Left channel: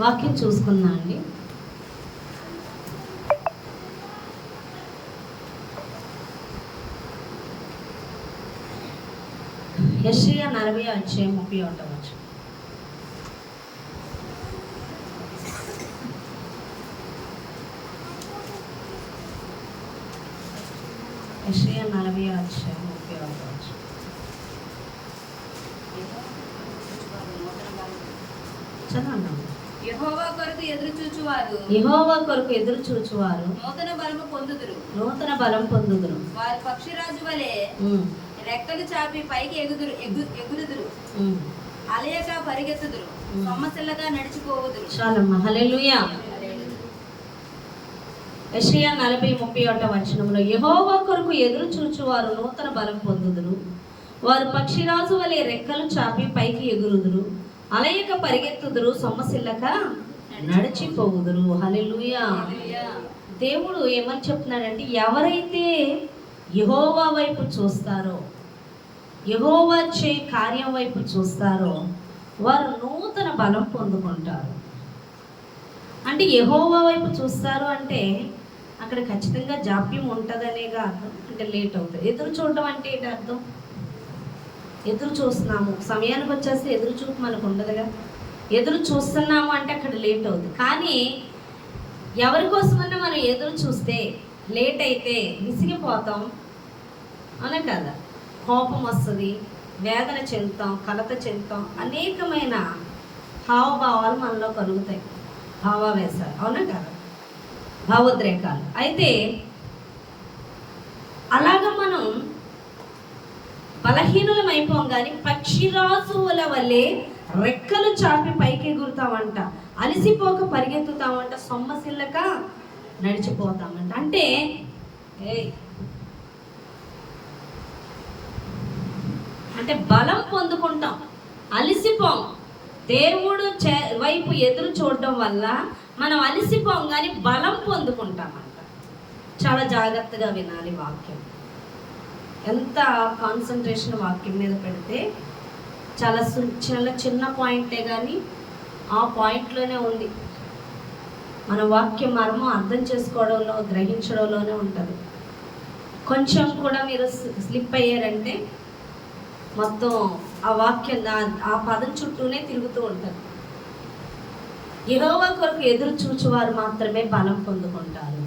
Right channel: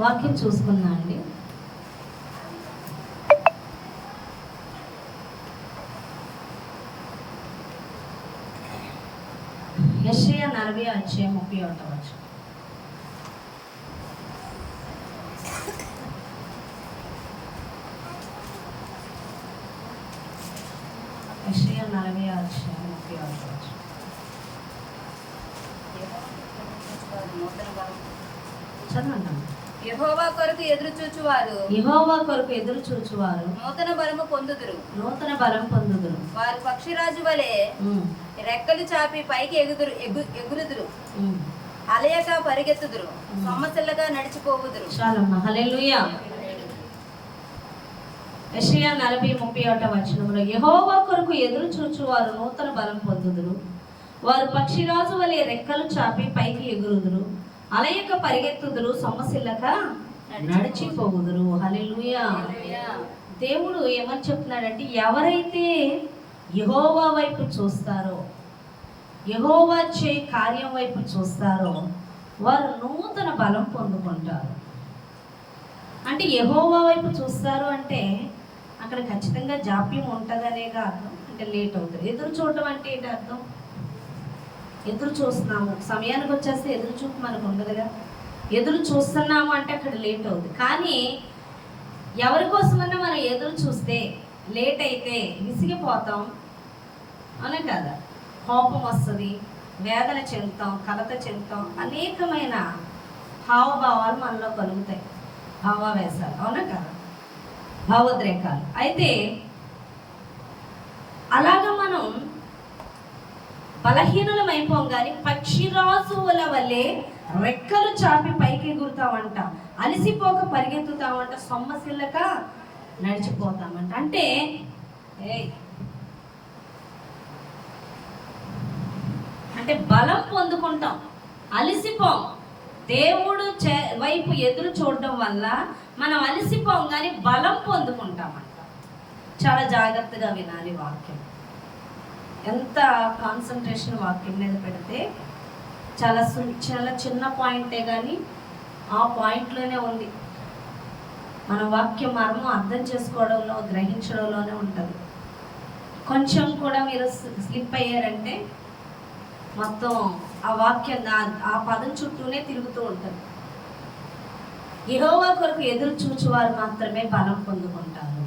వాక్యం చూసుకున్నా అండి. యెషయా 40:31. యెషయా 40:31. చదవండి. యెహోవా కొరకు ఎదురు చూచువారు నూతన బలం పొందుదురు. వారి పక్షిరాజు వలె రెక్కలు చాపి పైకి ఎగురుదురు. అలయక పరిగెత్తుదురు. సొమ్మసిల్లగా నడిచిపోవుదురు. చాలమ్మా, హల్లెలూయా. యెషయా 40:31 యెహోవా కొరకు ఎదురు చూచువారు నూతన బలం పొందుదురు. వారు పక్షిరాజు వలె రెక్కలు చాపి పైకి ఎగురుదురు. అలయక పరిగెత్తుదురు. సొమ్మసిల్లక నడిచిపోవుదురు. హల్లెలూయా. దేవుడు ఏమని చెప్తున్నాడంటే, ఎవరైతే యెహోవా వైపు చూస్తారో, యెహోవా చే కార్యం వైపు చూస్తారో వారు నూతన బలం పొందుకుంటారు. అంటే యెహోవా వైపు చూస్తారు అంటే అక్కడ ఖచ్చితంగా జాప్యం ఉంటుందనేగా అర్థం. అంటే లేట్ అవుతుంది. ఎదురు చూడడం అంటే ఏంటి అర్థం? ఎదురు చూస్తున్నాము, సమయానికి వచ్చేస్తే ఎదురు చూపు మనకు ఉండదుగా. ఎదురు చూస్తున్నాము అంటే అక్కడ లేట్ అవుతుంది. కానీ ఎవరి కోసమన్నా మనం ఎదురు చూస్తే లేట్ అయితే విసిగిపోతాం, అనే కదా. కోపం వస్తుంది, వేదన చెందుతాం, కలత చెందుతాం, అనేకమైన హావభావాలు మనలో కలుగుతాయి. భావావేశాలు, అవునా కదా, భావోద్రేకాలు. అయితే అలాగా మనం బలహీనులం అయిపోం, కానీ పక్షిరాజుల వల్లే రెక్కలు చాపి పైకి ఎగురుతామంట, అలసిపోక పరిగెత్తుతామంట, సొమ్మసిల్లక నడిచిపోతామంట. అంటే బలం పొందుకుంటాం, అలసిపోం. దేవుడు వైపు ఎదురు చూడడం వల్ల మనం అలసిపోం, కానీ బలం పొందుకుంటామంట. చాలా జాగ్రత్తగా వినాలి వాక్యం. ఎంత కాన్సన్ట్రేషన్ వాక్యం మీద పెడితే చాలా చిన్న పాయింటే, కానీ ఆ పాయింట్లోనే ఉంది మన వాక్యం మర్మం అర్థం చేసుకోవడంలో, గ్రహించడంలోనే ఉంటుంది. కొంచెం కూడా మీరు స్లిప్ అయ్యారంటే మొత్తం ఆ వాక్యం ఆ పదం చుట్టూనే తిరుగుతూ ఉంటుంది. యెహోవా కొరకు ఎదురు చూచువారు మాత్రమే బలం పొందుకుంటారు.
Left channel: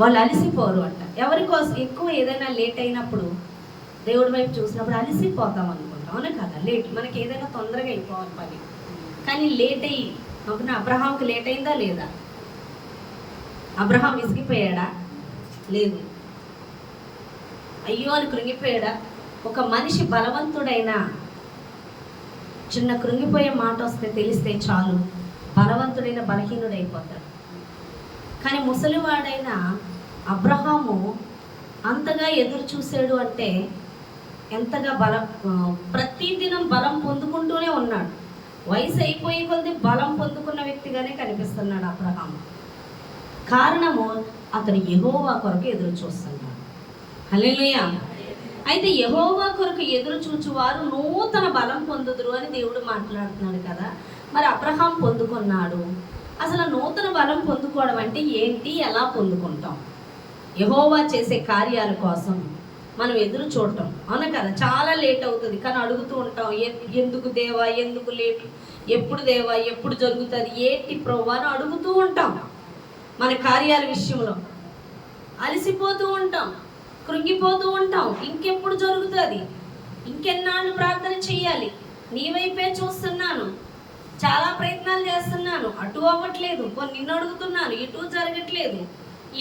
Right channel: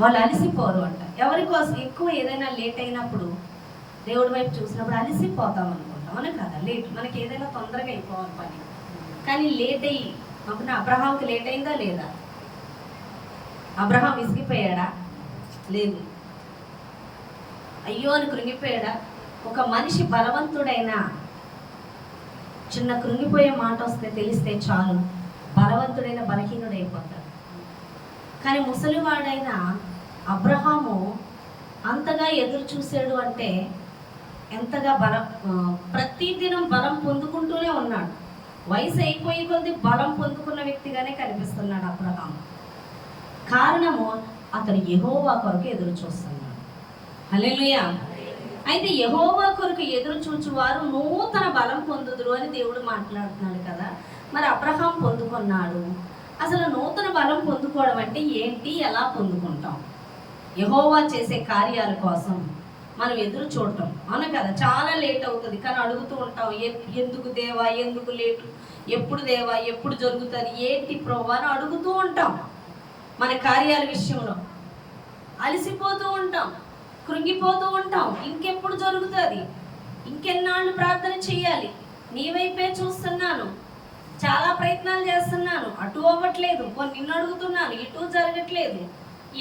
వాళ్ళు అలసిపోరు అంట. ఎవరి కోసం ఎక్కువ ఏదైనా లేట్ అయినప్పుడు దేవుడి వైపు చూసినప్పుడు అలసిపోతాం అనుకుంటాం, అవునా కదా. లేట్ మనకి ఏదైనా తొందరగా అయిపోవాలి పని, కానీ లేట్ అయ్యి అప్పుడు అబ్రహాంకి లేట్ అయిందా లేదా? అబ్రహాం విసిగిపోయాడా? లేదు. అయ్యో అని కృంగిపోయాడా? ఒక మనిషి బలవంతుడైనా చిన్న కృంగిపోయే మాట వస్తే తెలిస్తే చాలు, బలవంతుడైన బలహీనుడైపోతాడు. కానీ ముసలివాడైన అబ్రహాము అంతగా ఎదురు చూసాడు అంటే ఎంతగా ప్రతిదినం బలం పొందుకుంటూనే ఉన్నాడు. వయసు అయిపోయి కొద్ది బలం పొందుకున్న వ్యక్తిగానే కనిపిస్తున్నాడు అబ్రహాము. కారణము అతను యెహోవా కొరకు ఎదురు చూస్తున్నాడు. హల్లెలూయా. అయితే యెహోవా కొరకు ఎదురు చూచువారు నూతన బలం పొందుదురు అని దేవుడు మాట్లాడుతున్నాడు కదా. మరి అబ్రహాం పొందుకున్నాడు. అసలు నూతన బలం పొందుకోవడం అంటే ఏంటి, ఎలా పొందుకుంటాం? యెహోవా చేసే కార్యాల కోసం మనం ఎదురు చూడటం, అవునా కదా. చాలా లేట్ అవుతుంది, కానీ అడుగుతూ ఉంటాం, ఎందుకు దేవా, ఎందుకు లేటు, ఎప్పుడు దేవా, ఎప్పుడు జరుగుతుంది, ఏంటి ప్రభువా అని అడుగుతూ ఉంటాం. మన కార్యాల విషయంలో అలసిపోతూ ఉంటాం, కృంగిపోతూ ఉంటాం. ఇంకెప్పుడు జరుగుతుంది, ఇంకెన్నాళ్ళు ప్రార్థన చేయాలి, నీ వైపే చూస్తున్నాను, చాలా ప్రయత్నాలు చేస్తున్నాను, అటు అవ్వట్లేదు, కొన్ని నిన్ను అడుగుతున్నాను, ఇటు జరగట్లేదు,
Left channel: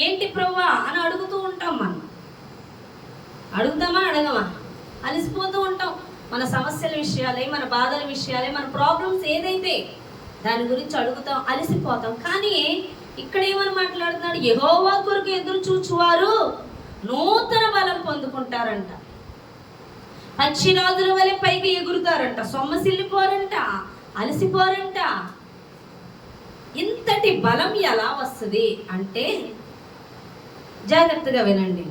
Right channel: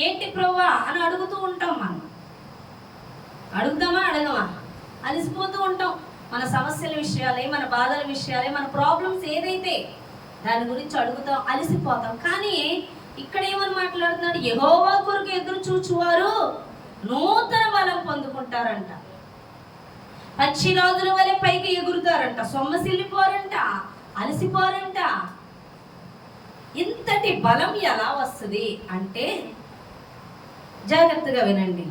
ఏంటి ప్రభువా అని అడుగుతూ ఉంటాం. మనం అడుగుదామా అడగమా? అలసిపోతూ ఉంటాం. మన సమస్యల విషయాలే, మన బాధల విషయాలే, మన ప్రాబ్లమ్స్ ఏదైతే దాని గురించి అడుగుతాం, అలసిపోతాం. కానీ ఇక్కడ ఏమని మాట్లాడుతున్నాడు? యెహోవా కొరకు ఎదురు చూచువారు నూతన బలం పొందుకుంటారంట, పక్షిరాజుల వలె పైకి ఎగురుతారంట, సొమ్మసిల్లిపోరంట, అలసిపోరంట. ఇంతటి బలం ఎలా వస్తుంది అంటే జాగ్రత్తగా వినండి.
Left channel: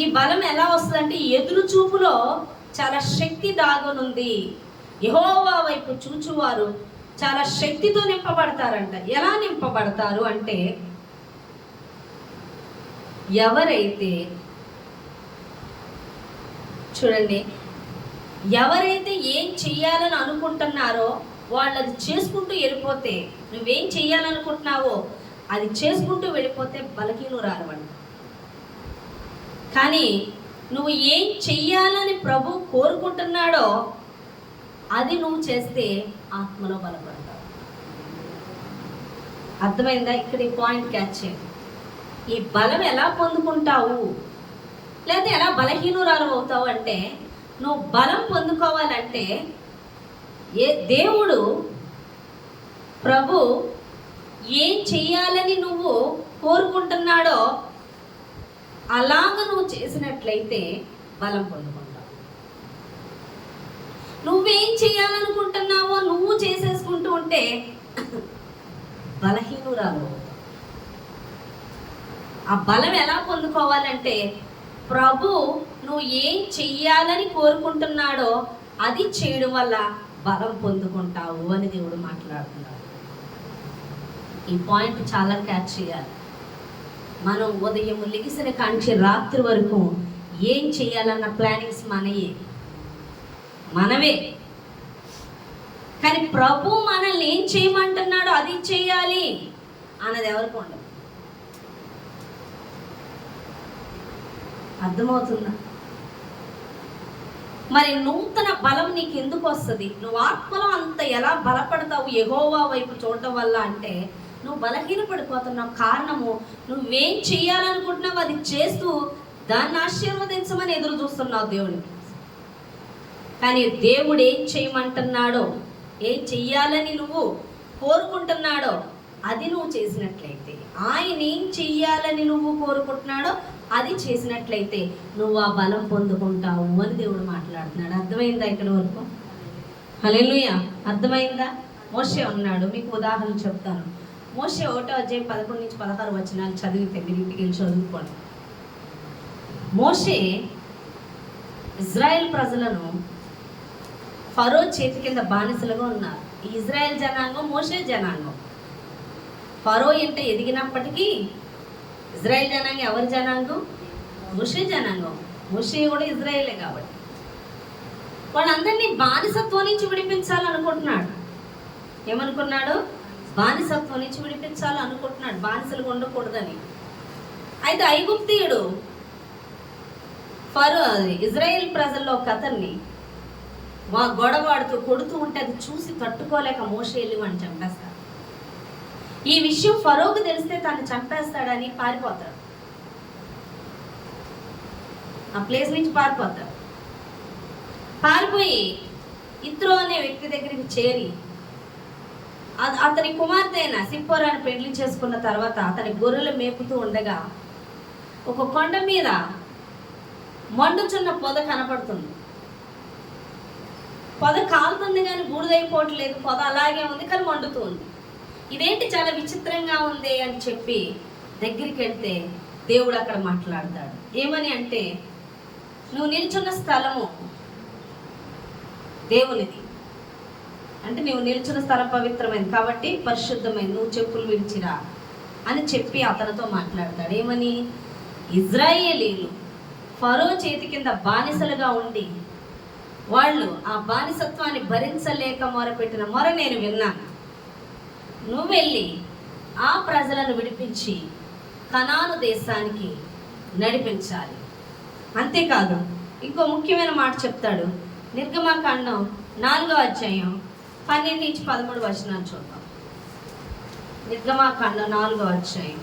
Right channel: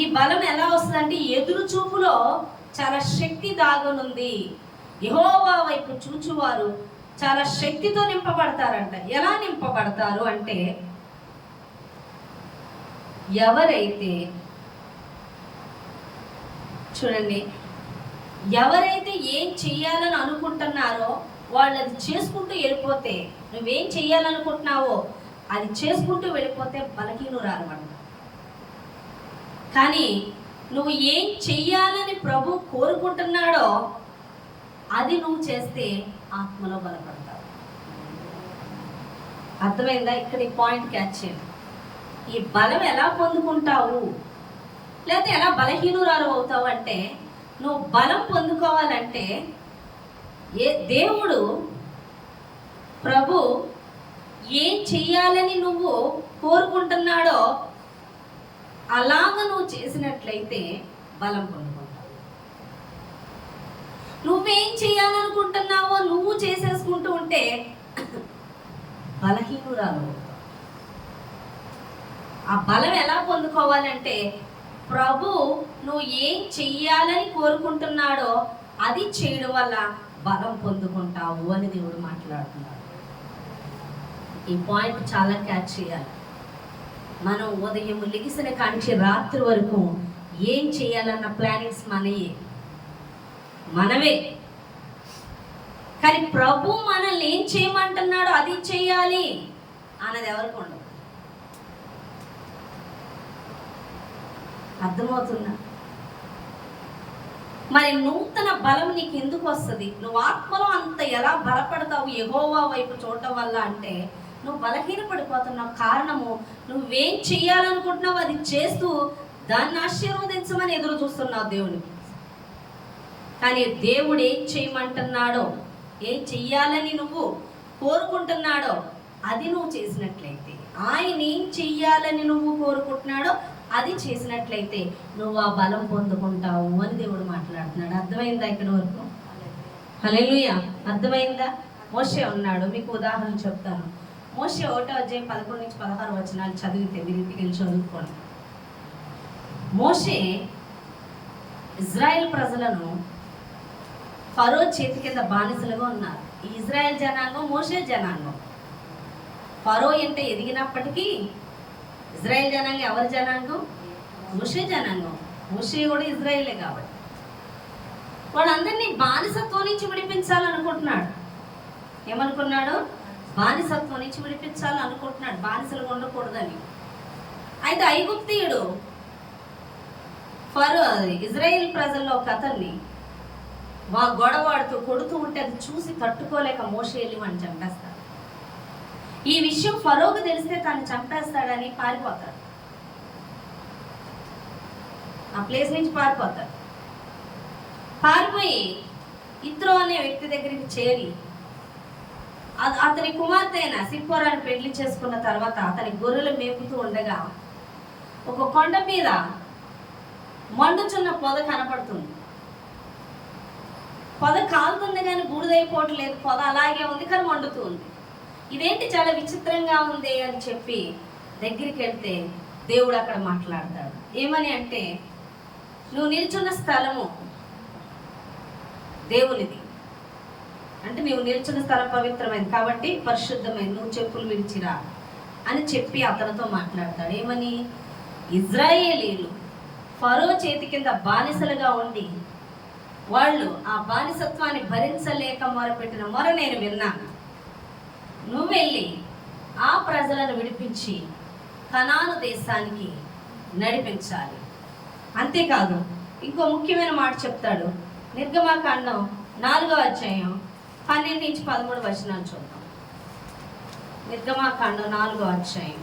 ఈ బలం ఎలా వస్తుంది అంటే ఎదురు చూపులో చాలా శక్తి దాగునుంది. యెహోవా వైపు చూచువారు చాలా శక్తితో నింపబడతారంట. ఎలా నింపబడతారు అంటే, ఎవరైతే చూడండి, ఎవరైతే ఏం చెయ్యాలని అనుకుంటున్నారో వాళ్ళు అది చేసుకుంటూ వెళ్ళిపోతే, నువ్వేం చెయ్యాలనుకుంటున్నావో అది చేసుకుంటూ వెళ్ళిపోతే బలహీనురాలు అంట. కానీ నువ్వు ఏం చెయ్యాలని ప్రభు కోరుకుంటున్నాడో అది నువ్వు చేస్తే ఆత్మలో బలపడతావు. అర్థమైందా? ఇక్కడ ఈ పాయింట్ క్యాచ్ చేయండి. ఈ బలం ఎలా పొందుకుంటావు, లేదా ఎలా బలహీనురాలు అవుతావు అంటే, నువ్వు బలం పొందుకోవాలంటే దేవుడు ప్రభు ఏం చెయ్యాలని నువ్వు కోరుకుంటున్నాడో అలాగ నువ్వు చేసినట్లయితే బలం పొందుకుంటావు. నువ్వేం చేయాలనుకుంటున్నావో నువ్వు చేసేసుకుంటూ ఉంటే బలహీనురాలు అవుతావు. ఆ బలం ఎలా పొందుకోవాలంటే, ప్రభు నువ్వు ఏం చెయ్యాలని కోరుకుంటున్నాడో అది చేయడం వల్ల బలం పొందుకుంటావు అని దేవుడు మాట్లాడుతున్నాడు. ఈ పాయింట్ చాలా క్యాచ్ చేయాలి. మనం ఉదయం లెగిసిన కాంచి రాత్రి వరకు ఏం చేయాలన్న ప్లానింగ్స్ మనవే. కానీ ప్రభు మనల్ని ఏం చేయమంటున్నాడో అది చేయాలి అన్నది ఎవరికి ఉండదు. అర్థమవుతుందా? మరి నూతన బలం నీకు ఎందుకు వస్తుంది? నువ్వు ఆత్మలో అంత ఎలా బలపడతావు యెహోవా వైపు చూడటం వల్ల అంటే, నువ్వు బలహీనపడిపోతున్నావు. కారణము, నువ్వేం చెయ్యాలనుకుంటున్నావు అది చేస్తూ దాన్ని ఆశీర్వదించమని ఎదురు చూస్తున్నావు దేవుని. కానీ దేవుడు ఏం చేయమంటున్నాడో, ఏం చెయ్యాలని నువ్వు కోరుకుంటున్నాడో అది నువ్వు చేసినట్లయితే, ఆయన ఏం చెయ్యాలని నువ్వు కోరుకుంటున్నాడో అది చేసినట్లయితే నువ్వు ఆ బలం పొందుకుంటావు అని దేవుడు మాట్లాడుతున్నాడు. అర్థమైందా ఇక్కడ వరకు? హల్లెలూయా. అర్థమైందా? మోషే ఉన్నాడు. మీకు ఉదాహరణ చెప్తాను. మోషే 1వ అధ్యాయం 11 నుంచి 16 వచనాలు చదివితే మీరు ఇంటికి వెళ్ళి చదువుకోండి. మోషే ఇజ్రాయెల్ ప్రజలను ఫరో చేతి కింద బానిసలుగా ఉన్నారు. ఈ ఇజ్రాయెల్ జనాంగం మోషే జనాంగం. ఫరో ఎంత ఎదిగినప్పటికీ ఇజ్రాయెల్ జనాంగం ఎవరి జనాంగం? మోషే జనాంగం. మోషే కూడా ఇజ్రాయేలే కాబట్టి వాళ్ళందరినీ బానిసత్వం నుంచి విడిపించాలనుకుంటున్నాడు. ఏమనుకున్నాడు? బానిసత్వం నుంచి విడిపించాలనుకుంటున్నాడు, బానిసలుగా ఉండకూడదని. అయితే ఐగుప్తీయుడు ఫరో ఇజ్రాయేల్ ప్రజల్లో ఒక అతన్ని గొడవాడుతూ కొడుతూ ఉంటే అది చూసి తట్టుకోలేక మోషే వెళ్ళి వాడిని చంపేస్తాడు. ఈ విషయం ఫరోకు తెలిస్తే తను చంపేస్తాడని పారిపోతాడు. ఆ ప్లేస్ నుంచి పారిపోతాడు. పారిపోయి ఇత్రో అనే వ్యక్తి దగ్గరికి చేరి అతని కుమార్తె అయిన సిప్పోరాని పెళ్లి చేసుకున్న తర్వాత అతని గొర్రెలు మేపుతూ ఉండగా ఒక కొండ మీద మండుచున్న పొద కనపడుతుంది. పొద కాలుతుంది కానీ బూడిదైపోవట్లేదు. పొద అలాగే ఉంది కానీ మండుతుంది. ఇదేంటి చాలా విచిత్రంగా ఉంది అని చెప్పి దగ్గరికి వెళ్తే దేవుడు అక్కడ మాట్లాడతాడు. ఏమని అంటే, నువ్వు నిల్చున్న స్థలము దేవునిది, అంటే నువ్వు నిల్చున్న స్థలం పవిత్రమైనది కాబట్టి పరిశుద్ధమైనది, నువ్వు చెప్పులు విడిచిరా అని చెప్పి అతనితో మాట్లాడతాడు. ఏమని? ఇజ్రాయేలీలు ఫరో చేతి కింద బానిసలుగా ఉండి వాళ్ళు ఆ బానిసత్వాన్ని భరించలేక మొరపెట్టిన మొర నేను విన్నాను. నువ్వు వెళ్ళి ఆ ప్రజలను విడిపించి కనాను దేశానికి నడిపించాలి. అంతేకాదు ఇంకో ముఖ్యమైన మాట చెప్తాడు. నిర్గమకాండం 4వ అధ్యాయం 12 నుంచి 13 వచనాలు చూద్దాం. నిర్గమకాండం 4వ అధ్యాయం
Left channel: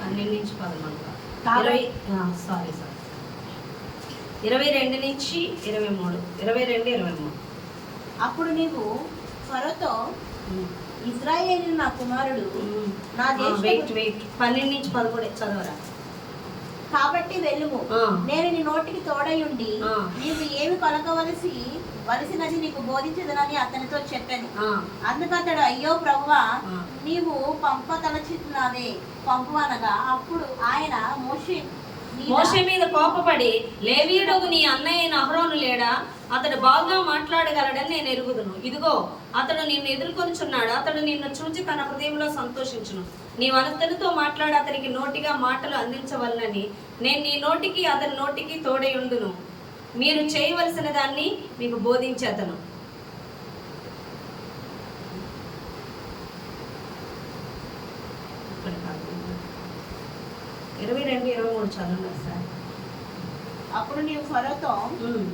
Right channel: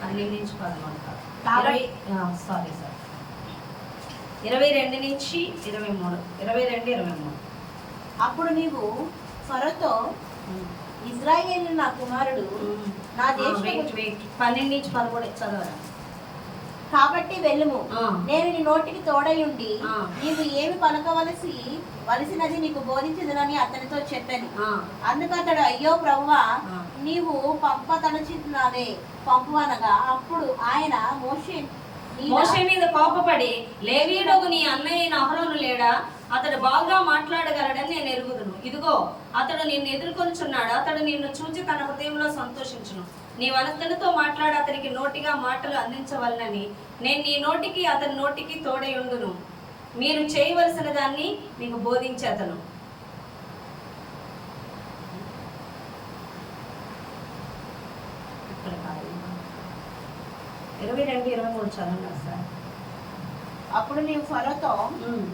12 నుంచి 13 22 నుంచి 23 22-23. అప్పుడు నీవు ఫరోతో, ఇశ్రాయేలు నా కుమారుడు, నా వెయిట్ 12 నుంచి 13 చదవరా. కాబట్టి వెళ్ళుము, నేను నీ నోటికి తోడై ఉండి నీవు ఏమి వలసినది నీకు బోధించదునని అతనితో చెప్పాను. అందుకు అతడు, అయ్యో ప్రభువా, నీవు పంపుచున్నావే పంపు అనగా అప్పుడు ఆయన మోషే మీద కోపపడి, లేవీయుడగు నీ అన్నయ్య అయిన అహరోను లేడా? అతడు బాగా మాట్లాడగలడని నేను ఎరుగుదును. ఇదిగో అతడు నిన్ను ఎదుర్కొనుచున్నాడు. అతడు నిన్ను చూచి తన హృదయంలో సంతోషించును. నీవు అతనితో మాట్లాడి అతనికి నోటిగా మాటలు అందించవలనని నేను నీ నోటికి అతని నోటికి తోడై ఉండును. మీరు చేయవలసిన దాన్ని మీకు బోధించేతను. ఇరవై 23 చదవండి సార్. అప్పుడు నీవు ఫరోతో,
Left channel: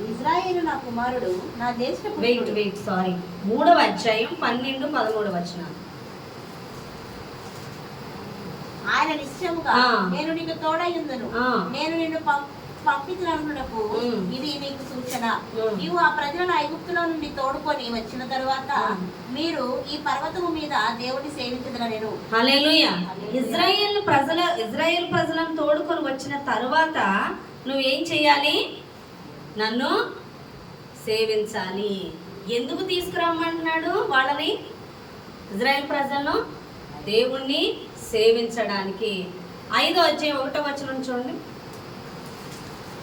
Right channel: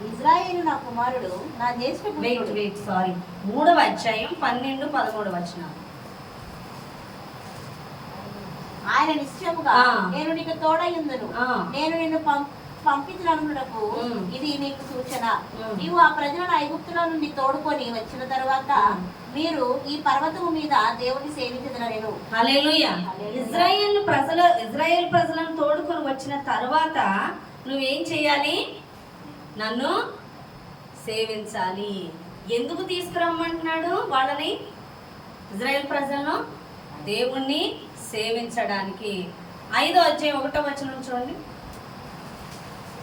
ఇజ్రాయేలు నా కుమారుడు, నా జ్యేష్ఠ వెయిట్ సారీ 3వ అధ్యాయం 12, 13 వచనాలు. ఆయన నిశ్చయముగా నేను నీకు తోడయ్యుందును, నేను నిన్ను పంపించినకు ఇది నీకు సూచన. నీవు ఆ ప్రజలను ఐగుప్తులో నుండి తోడుకొని వచ్చిన తర్వాత మీరు ఈ పర్వతము మీద దేవుని సేవించదనెను. హల్లెలూయా. ఇజ్రాయేల్ ప్రజలను తోడుకొని వచ్చిన తర్వాత నువ్వేం చెయ్యాలి? నన్ను సేవించాలి. ఎందుకు తీసుకురమ్మంటున్నాడు వాళ్ళని? ఇజ్రాయేల్ ప్రజలను దేవుణ్ణి సేవించడానికి. 5వ అధ్యాయం 1వ వచనం చూడండి.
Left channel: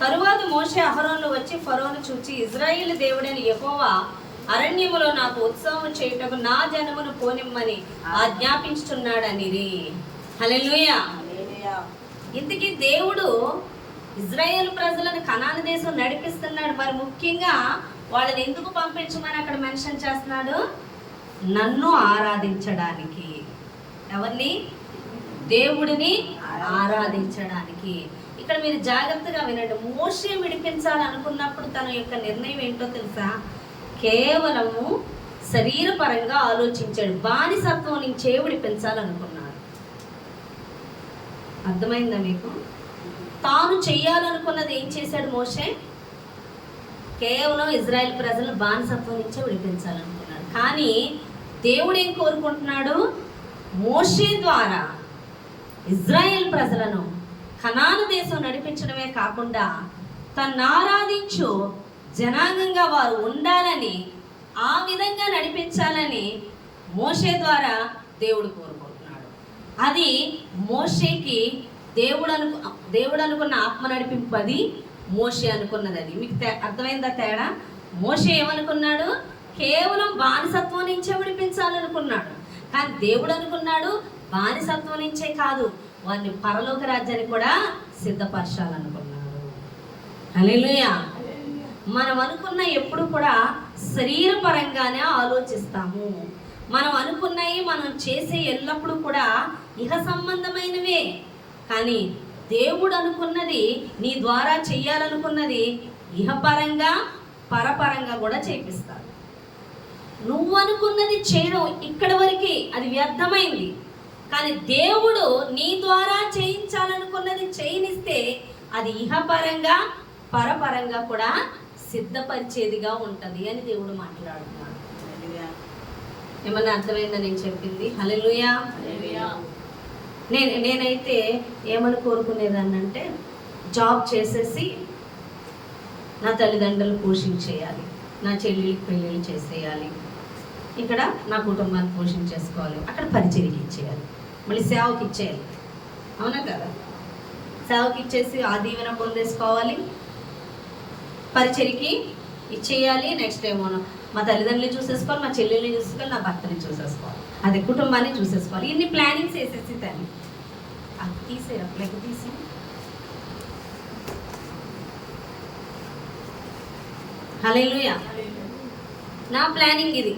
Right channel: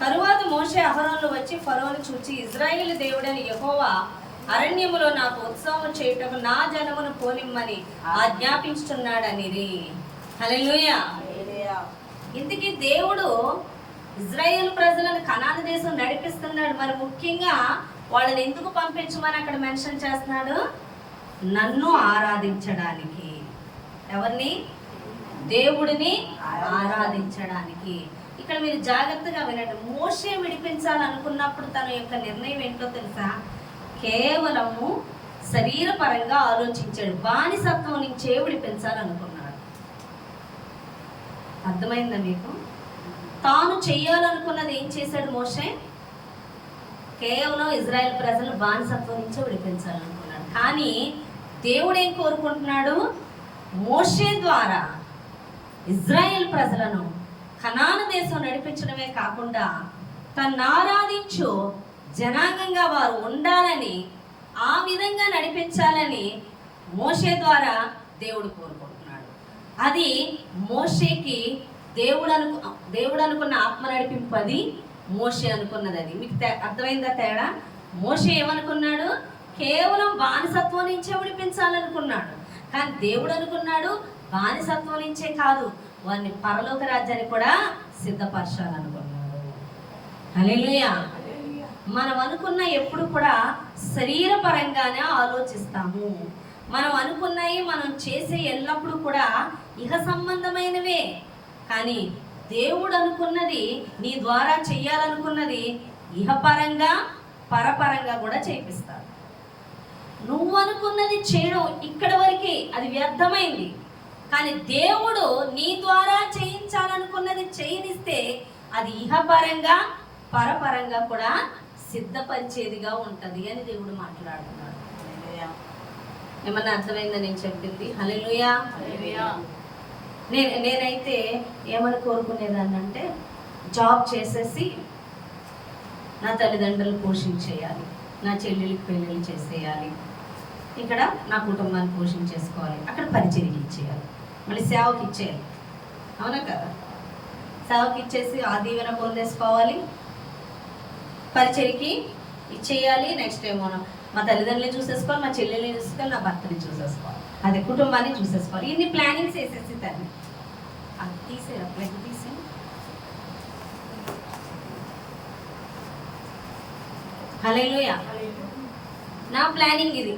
తరువాత మోషే అహరోను వచ్చి ఫరోను చూచి, ఇజ్రాయేలు దేవుడైన యెహోవా అరణ్యములో నాకు ఉత్సవం చేయుటకు నా జనమును పోనిమ్మని ఆజ్ఞాపించుచున్నాడనిరి. హల్లెలూయా. ఇంతకీ దేవుడు ఇజ్రాయేల్ ప్రజలను కనాను దేశం నడిపిస్తున్నాడు. మరి ముఖ్యంగా వాళ్ళని ఎందుకు పంపించమని అక్కడ మెన్షన్ చేస్తున్నాడు? నన్ను ఆరాధించడానికి. ఎవరిని? దేవుడిని ఆరాధించడానికి. ఇక్కడ మీరు జాగ్రత్తగా వినండి. మోషే విడిపించాలనుకున్నప్పుడు తన యొక్క నిర్ణయం ఏంటో తెలుసా? కేవలము శరీరపరంగా ఆలోచించాడు. బానిసత్వం నుంచే విడిపించాలనుకున్నాడు. అర్థమైందా మీకు? తాను చెయ్యాలనుకున్నది ఏం చేశాడు మోషే? కేవలం ఇజ్రాయెల్ ప్రజలను బానిసత్వం నుంచే విడిపించాలనుకున్నాడు. కానీ దేవుడు ఏం కోరుకుంటున్నాడు? మోషే ద్వారా ఇజ్రాయెల్ ప్రజలను కనాను దేశం నడిపించడమే కాకుండా తను ఆరాధించు జనాంగంగా వారు ఉండాలని, ఆ విధంగా నడిపించాలని మోషే ద్వారా దేవుడు కోరుకుంటున్నాడు. అది మోషేకి దేవుడు అనుకున్న ఆత్మ నడిపింపు. అది మోషే అనుకున్నది. అది మీకు అర్థమైందా తేడా? మోషే ఏమనుకున్నాడు? కేవలం బానిసత్వం నుంచే విడిపించాలనుకున్నాడు. కానీ దేవుడు అనుకున్నాడు బానిసత్వం నుంచే కాదు, వారిని పరలోక రాజ్యాన్ని కూడా సిద్ధపరచాలనుకున్నాడు. హల్లెలూయా. మనం అనుకున్న ఎప్పుడు కూడా శరీరపరంగానే ఆలోచిస్తాము. మనం అనుకున్నాయి మనం చేసే ఎల్లప్పుడూ కూడా ఇహ సంబంధమైనవే. కానీ దేవుడు అనుకున్నది, నీ ద్వారా చెయ్యాలనుకున్నది ఇహపరంగా పరపరంగా కూడా చేపిస్తాడు. నువ్వు అనుకున్నది చేయడం ఇక్కడ వరకే, అది వ్యర్థమైంది. కానీ దేవుడు నీ ద్వారా చేయించాలనుకున్నది చేయనిస్తే అది ఇహపరంగా పరపరంగా కూడా సిద్ధపరిచేదిగా ఉంటుంది అని దేవుడు మాట్లాడుతున్నాడు. ఏమన్నా అర్థమైందా నేను చెప్పింది? హల్లెలూయా. నేనైతే ఏమని కోరుకునేదాన్ని అంటే, జాబ్ చేసేసి నా తల్లిదండ్రులు పోషించేయాలి, నా చెల్లెలికి పెళ్ళిళ్ళు చేసేయాలి, ఇక్కడ నా కుటుంబాన్ని పోషించేసుకోవాలి, అక్కడ పరిచర్యకి ఇచ్చేయాలి, మళ్ళీ సేవకి ఇచ్చేయాలి. అవునా కదా? సేవకి ఇచ్చేసి ఆ దీవెన పొందేసుకోవాలి, పరిచర్యకి ఇచ్చేయాలి. నెక్స్ట్ ఏమో మా తల్లిదండ్రులు చూసేసుకోవాలి, మా చెల్లెల్ని చూసేసుకోవాలి, నా భర్తని చూసేసుకోవాలి, అదే కుటుంబాన్ని చూసేసుకోవాలి. ఇన్ని ప్లానింగ్స్ వేసేసి తల్లి అది తీసేరు అట్లయితే తీసే. హల్లెలూయా. నా ప్లానింగ్ ఇది.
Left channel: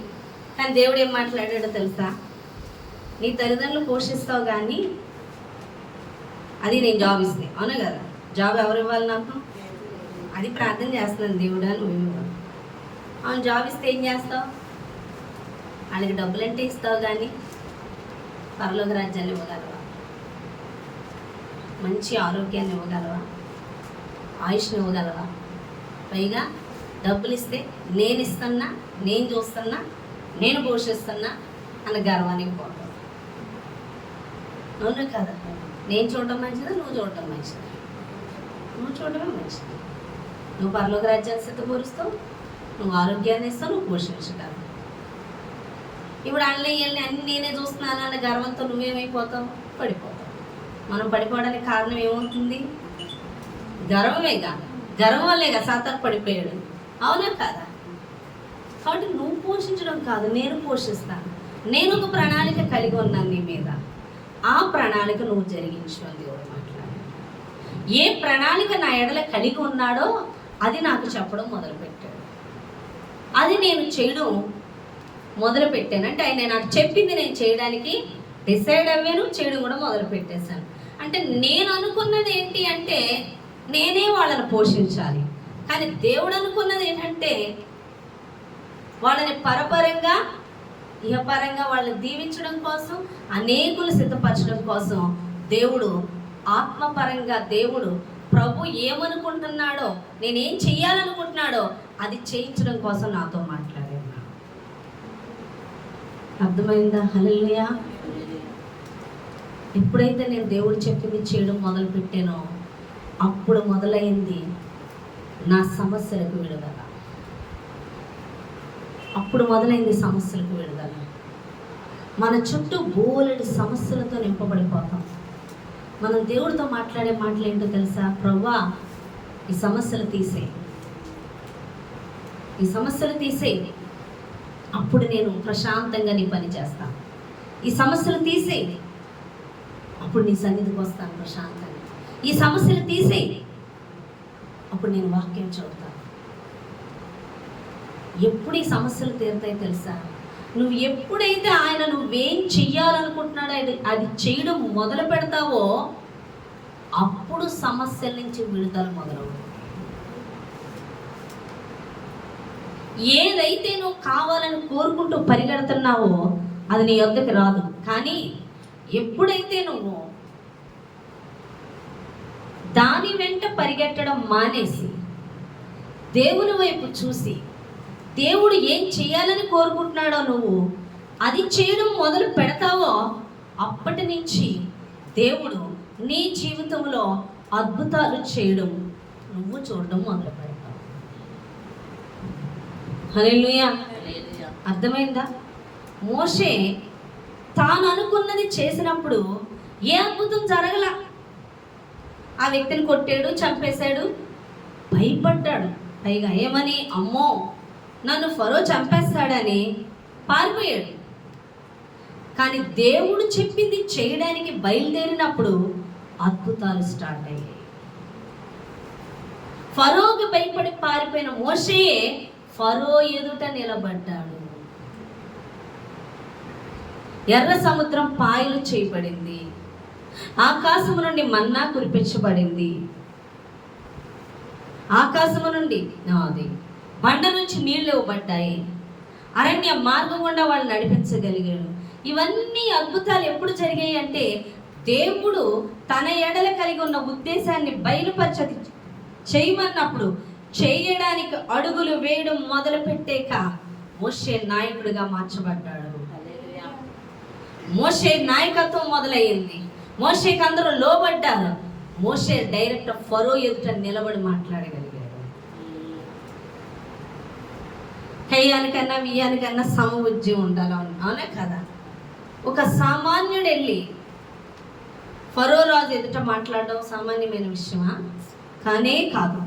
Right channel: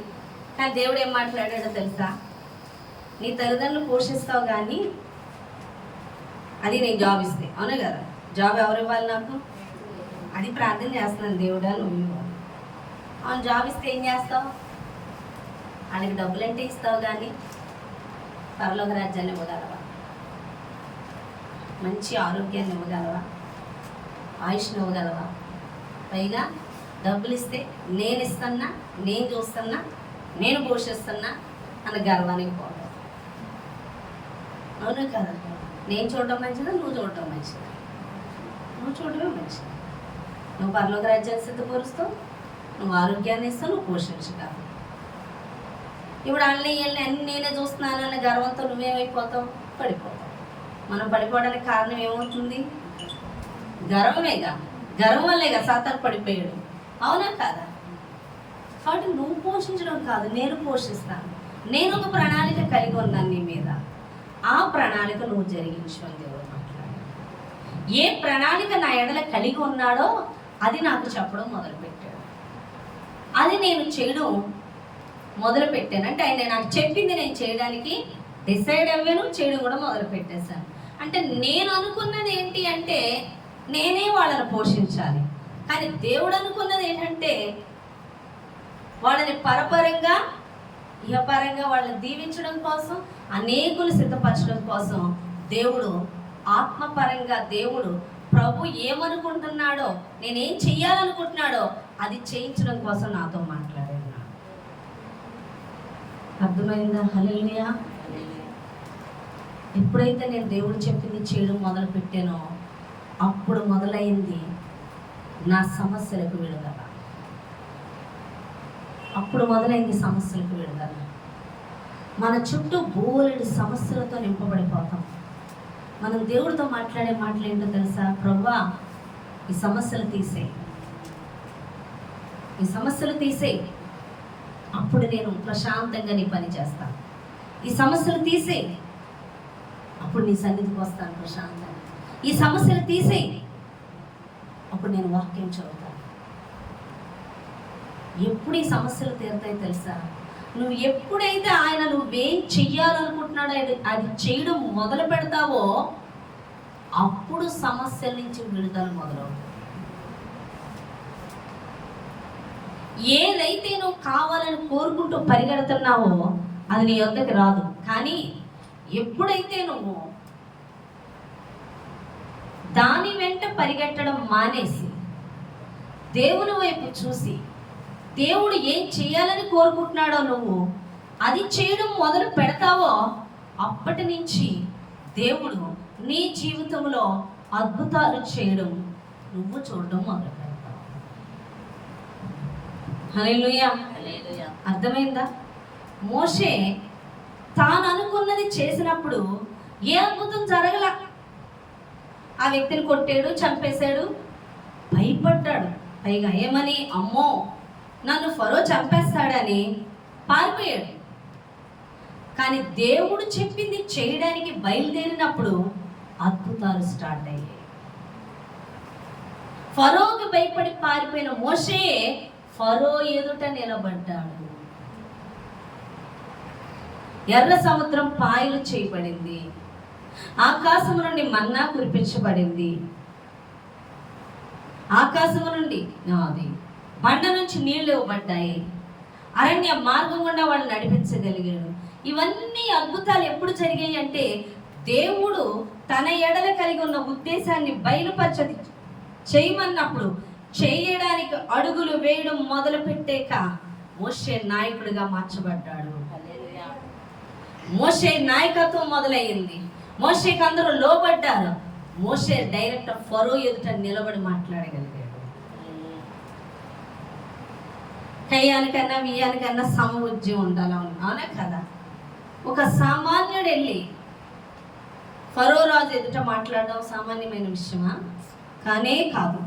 కానీ దేవుడు ఏం మాట్లాడాడో తెలుసా? నీ తల్లిదండ్రులు పోషిస్తావు కానీ అది నేను జాబ్ ఇస్తే. అవునా కదా? జాబ్ ఎవరు ఇవ్వాలి నాకు? అది ప్రార్థన చేస్తున్నాను, దేవుడా నువ్వు ఇవ్వాలి. అవును, జాబ్ ఇస్తే ఏం చేస్తావు? వాళ్ళకి డబ్బులు అంటే ఇస్తావు కానీ పరలోక రాజ్యాన్ని ఇవ్వగలవా? మంచి ఆరోగ్యాన్ని ఇవ్వగలవా? ఆయుష్ని ఇవ్వగలవా? పైగా డబ్బులు ఇస్తే నేను ఇస్తున్నా, నేను చూస్తున్నా, నేను పోషిస్తున్నా అన్న గర్వానికి పోతుంది. అవును కదా? నేను చూడటం మంచిదా, నువ్వు చూడటం మంచిదా? నువ్వు చూడటమే మంచిది. నువ్వు పరలోక రాజ్యాన్ని సిద్ధపరుస్తావు, నువ్వు ఆరోగ్యాన్ని ఇస్తావు, నువ్వు పోషించగలవు. ఇప్పుడు అన్నీ అన్నీ నేనే చూస్తున్నాను అన్న గర్వంతో నువ్వేమైపోతావు? పడిపోతాం. మనం పడిపోవడానికి కారణం ఏమవుతుంది? గర్వమేగా. గర్వం వల్లేగా సాతాను పడిపోయాడు. అవునా కాదా? కాబట్టి నువ్వు పోషించడం కాదు, నేను పోషిస్తాను. నేను ఒక ప్రణాళిక కలిగి ఉన్నాను నీ మీద. ఆ ప్రణాళిక నువ్వు జరిగించు అని దేవుడు మాట్లాడు. ఏ ప్రణాళిక నా ఎడల కలిగి ఉన్నాడో అది నాకు చెప్పడం మొదలుపెట్టాడు. అది నేను చేయడం మొదలుపెట్టాను. అంటే ఆయన నాకు చెప్పింది నేను చేయడానికి డిసైడ్ అయ్యాను, చేయడం కూడా మొదలు పెట్టేశాను. అంటే నేను అనుకున్నది ఏంటి అంటే నేనే వాళ్ళని పోషించాలి. కానీ దేవుడు అనుకున్నది ఏంటంటే వాళ్ళని పరపరంగా ఇహపరంగా వాళ్ళని దీవించడం కోసం, అనేకులు సిద్ధపరచడం కోసం దేవుడు ఆత్మపరంగా దేవుడు ప్రభు ఏమనుకుంటున్నాడో, నేనేం చెయ్యాలనుకుంటున్నాడో అది చేయించడం కోసం నాతో మాట్లాడేవాడు. అర్థమైందా? హల్లెలూయా. ఎప్పుడైతే నేను దేవుడు చెప్పింది చేయడం మొదలు పెట్టానో అప్పుడు మొదలైంది నా సమస్యలకు విడుదల. అప్పుడు మొదలైంది సమస్యలకు విడుదల. మన చుట్టూ బోలెడు సమస్యలతో నింపబడిపోతాం. మనం దేవుడితో మాట్లాడే మాటలు ఏంటో తెలుసా? ప్రభువా, ఈ సమస్యలు తీసేయి, ఈ సమస్యలు తీసేయి, అప్పుడు నేను ప్రశాంతంగా నీ పని చేస్తాను. ఈ సమస్యలు తీసేయి, అప్పుడు నీ సన్నిధికి వస్తాను ప్రశాంతంగా. ఈ సమస్యలు తీసేయి, అప్పుడు నేను వాక్యం చదువుతాను. ఎప్పుడు ఈ సమస్యలు తీరుతాయి తెలుసా? నువ్వు ఎప్పుడైతే ఆయన నువ్వేం చెయ్యాలనుకుంటున్నాడో అది చేయడం మొదలు పెడతావో అప్పుడు సమస్యల నుంచి విడుదల మొదలవుతుంది. ఏదైతే నువ్వు కావాలని కోరుకుంటూ పరిగెడుతున్నావో అది నీ వద్దకు రాదు. కానీ ఎప్పుడైతే నువ్వు దాని వెంట పరిగెట్టడం మానేసి దేవుని వైపు చూసి దేవుడు ఏం చేయాలని కోరుకుంటున్నాడో నువ్వు అది చేయడం మొదలు పెడతావో అప్పటి నుంచి దేవుడు నీ జీవితంలో అద్భుతాలు చేయడం నువ్వు చూడడం మొదలు పెడతావు. హల్లెలూయా. అర్థమైందా? మోషే తాను అనుకున్నది చేసినప్పుడు ఏ అద్భుతం జరగల. ఆ వ్యక్తిని కొట్టాడు, చంపేశాడు, భయపడ్డాడు. పైగా ఏమని? అమ్మో నన్ను ఫరో చంపేస్తాడని పారిపోయాడు. కానీ దేవుడు చెప్పింది చేయడానికి బయలుదేరినప్పుడు అద్భుతాలు స్టార్ట్ అయ్యాయి. ఫరోకి భయపడి పారిపోయిన మోషే ఫరో ఎదుట నిలబడ్డాడు. ఎర్ర సముద్రం పాయలు చేయబడింది. ఆకాశము నుండి మన్నా కురిపించబడింది. ఆకాశము నుండి అది బండ నుంచి నీళ్లు ఇవ్వబడ్డాయి. అరణ్య మార్గం గుండా వాళ్ళు నడిపించగలిగాడు. ఇవన్నీ అద్భుతాలు ఎప్పుడు జరిగాయి అంటే దేవుడు తన ఎడల కలిగి ఉన్న ఉద్దేశాన్ని బయలుపరచది చేయమన్నప్పుడు చేయడానికి అడుగులు వేయడం మొదలు పెట్టాక మోషే నాయకుడిగా మార్చబడ్డాడు. మోషే నాయకత్వం మొదలయ్యింది. మోషేకి అందరూ లోబడ్డారు. మోషే డైరెక్ట్ ఫరో ఎదుట నిలబడి మాట్లాడగలిగాడు. కయ్యానికన్నా వియ్యానికన్నా సమబుద్ధి ఉండాలి. అవునా కదా? ఒక సామాన్యుడు వెళ్ళి ఫరో రాజు ఎదుట మాట్లాడడం సామాన్యమైన విషయమా? కానే కాదు.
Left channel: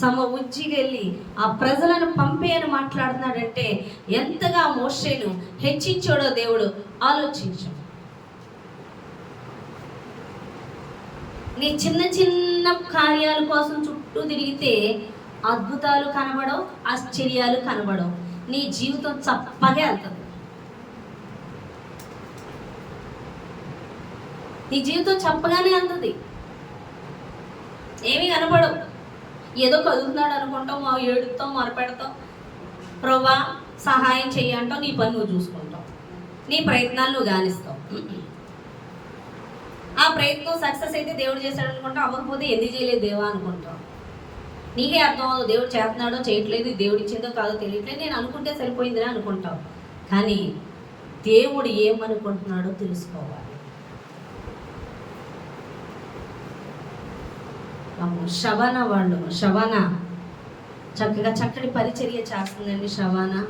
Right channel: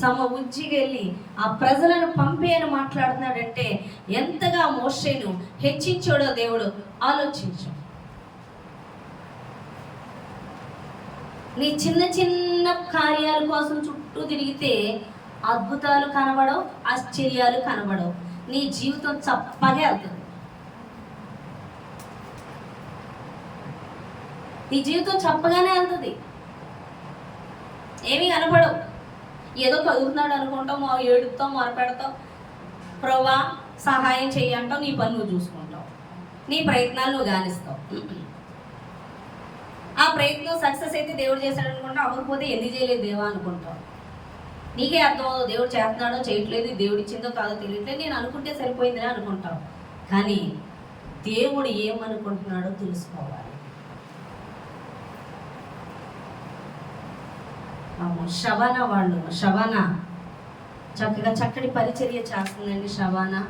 సమబుద్ధికి వెళ్ళి ఆ ప్రజలను పంపి అని మాట్లాడుతున్నాడంటే ఎంతగా మోషేను హెచ్చించాడో దేవుడు ఆలోచించు. నీ చిన్న చిన్న కార్యాల కోసం చుట్టూ తిరిగితే అద్భుతాలు కనబడవు, ఆశ్చర్యాలు కనబడవు. నీ జీవితం చప్పగా వెళ్తుంది. నీ జీవితం చప్పగానే వెళ్తుంది. ఏమి కనబడవు. ఏదో కదులుతున్నాడు అనుకుంటాం, ఏడుతాం, మొరపెడతాం, ప్రభువా సహాయం చెయ్యంటావు. నీ పని నువ్వు చూసుకుంటావు, నీ ప్రయత్నాలు నువ్వు గానిస్తావు. ఆ ప్రయత్నం సక్సెస్ అయితే దేవుడు చేశాడు అనుకుంటావు, అవ్వకపోతే ఎందుకు చేయలేదు దేవా అనుకుంటావు. నీకే అర్థం అవ్వదు దేవుడు చేస్తున్నాడో చేయట్లేదు, దేవుడు ఇచ్చిందో కాదో తెలియట్లేదు, నేను అనుకుంటే సరిపోయిందిరా అనుకుంటావు. కానీ దేవుడు ఏమనుకుంటున్నాడో తెలుసుకోవాలి. షబానా చక్కగా చక్కటి పరిచర్య చేస్తుందండి. షబానా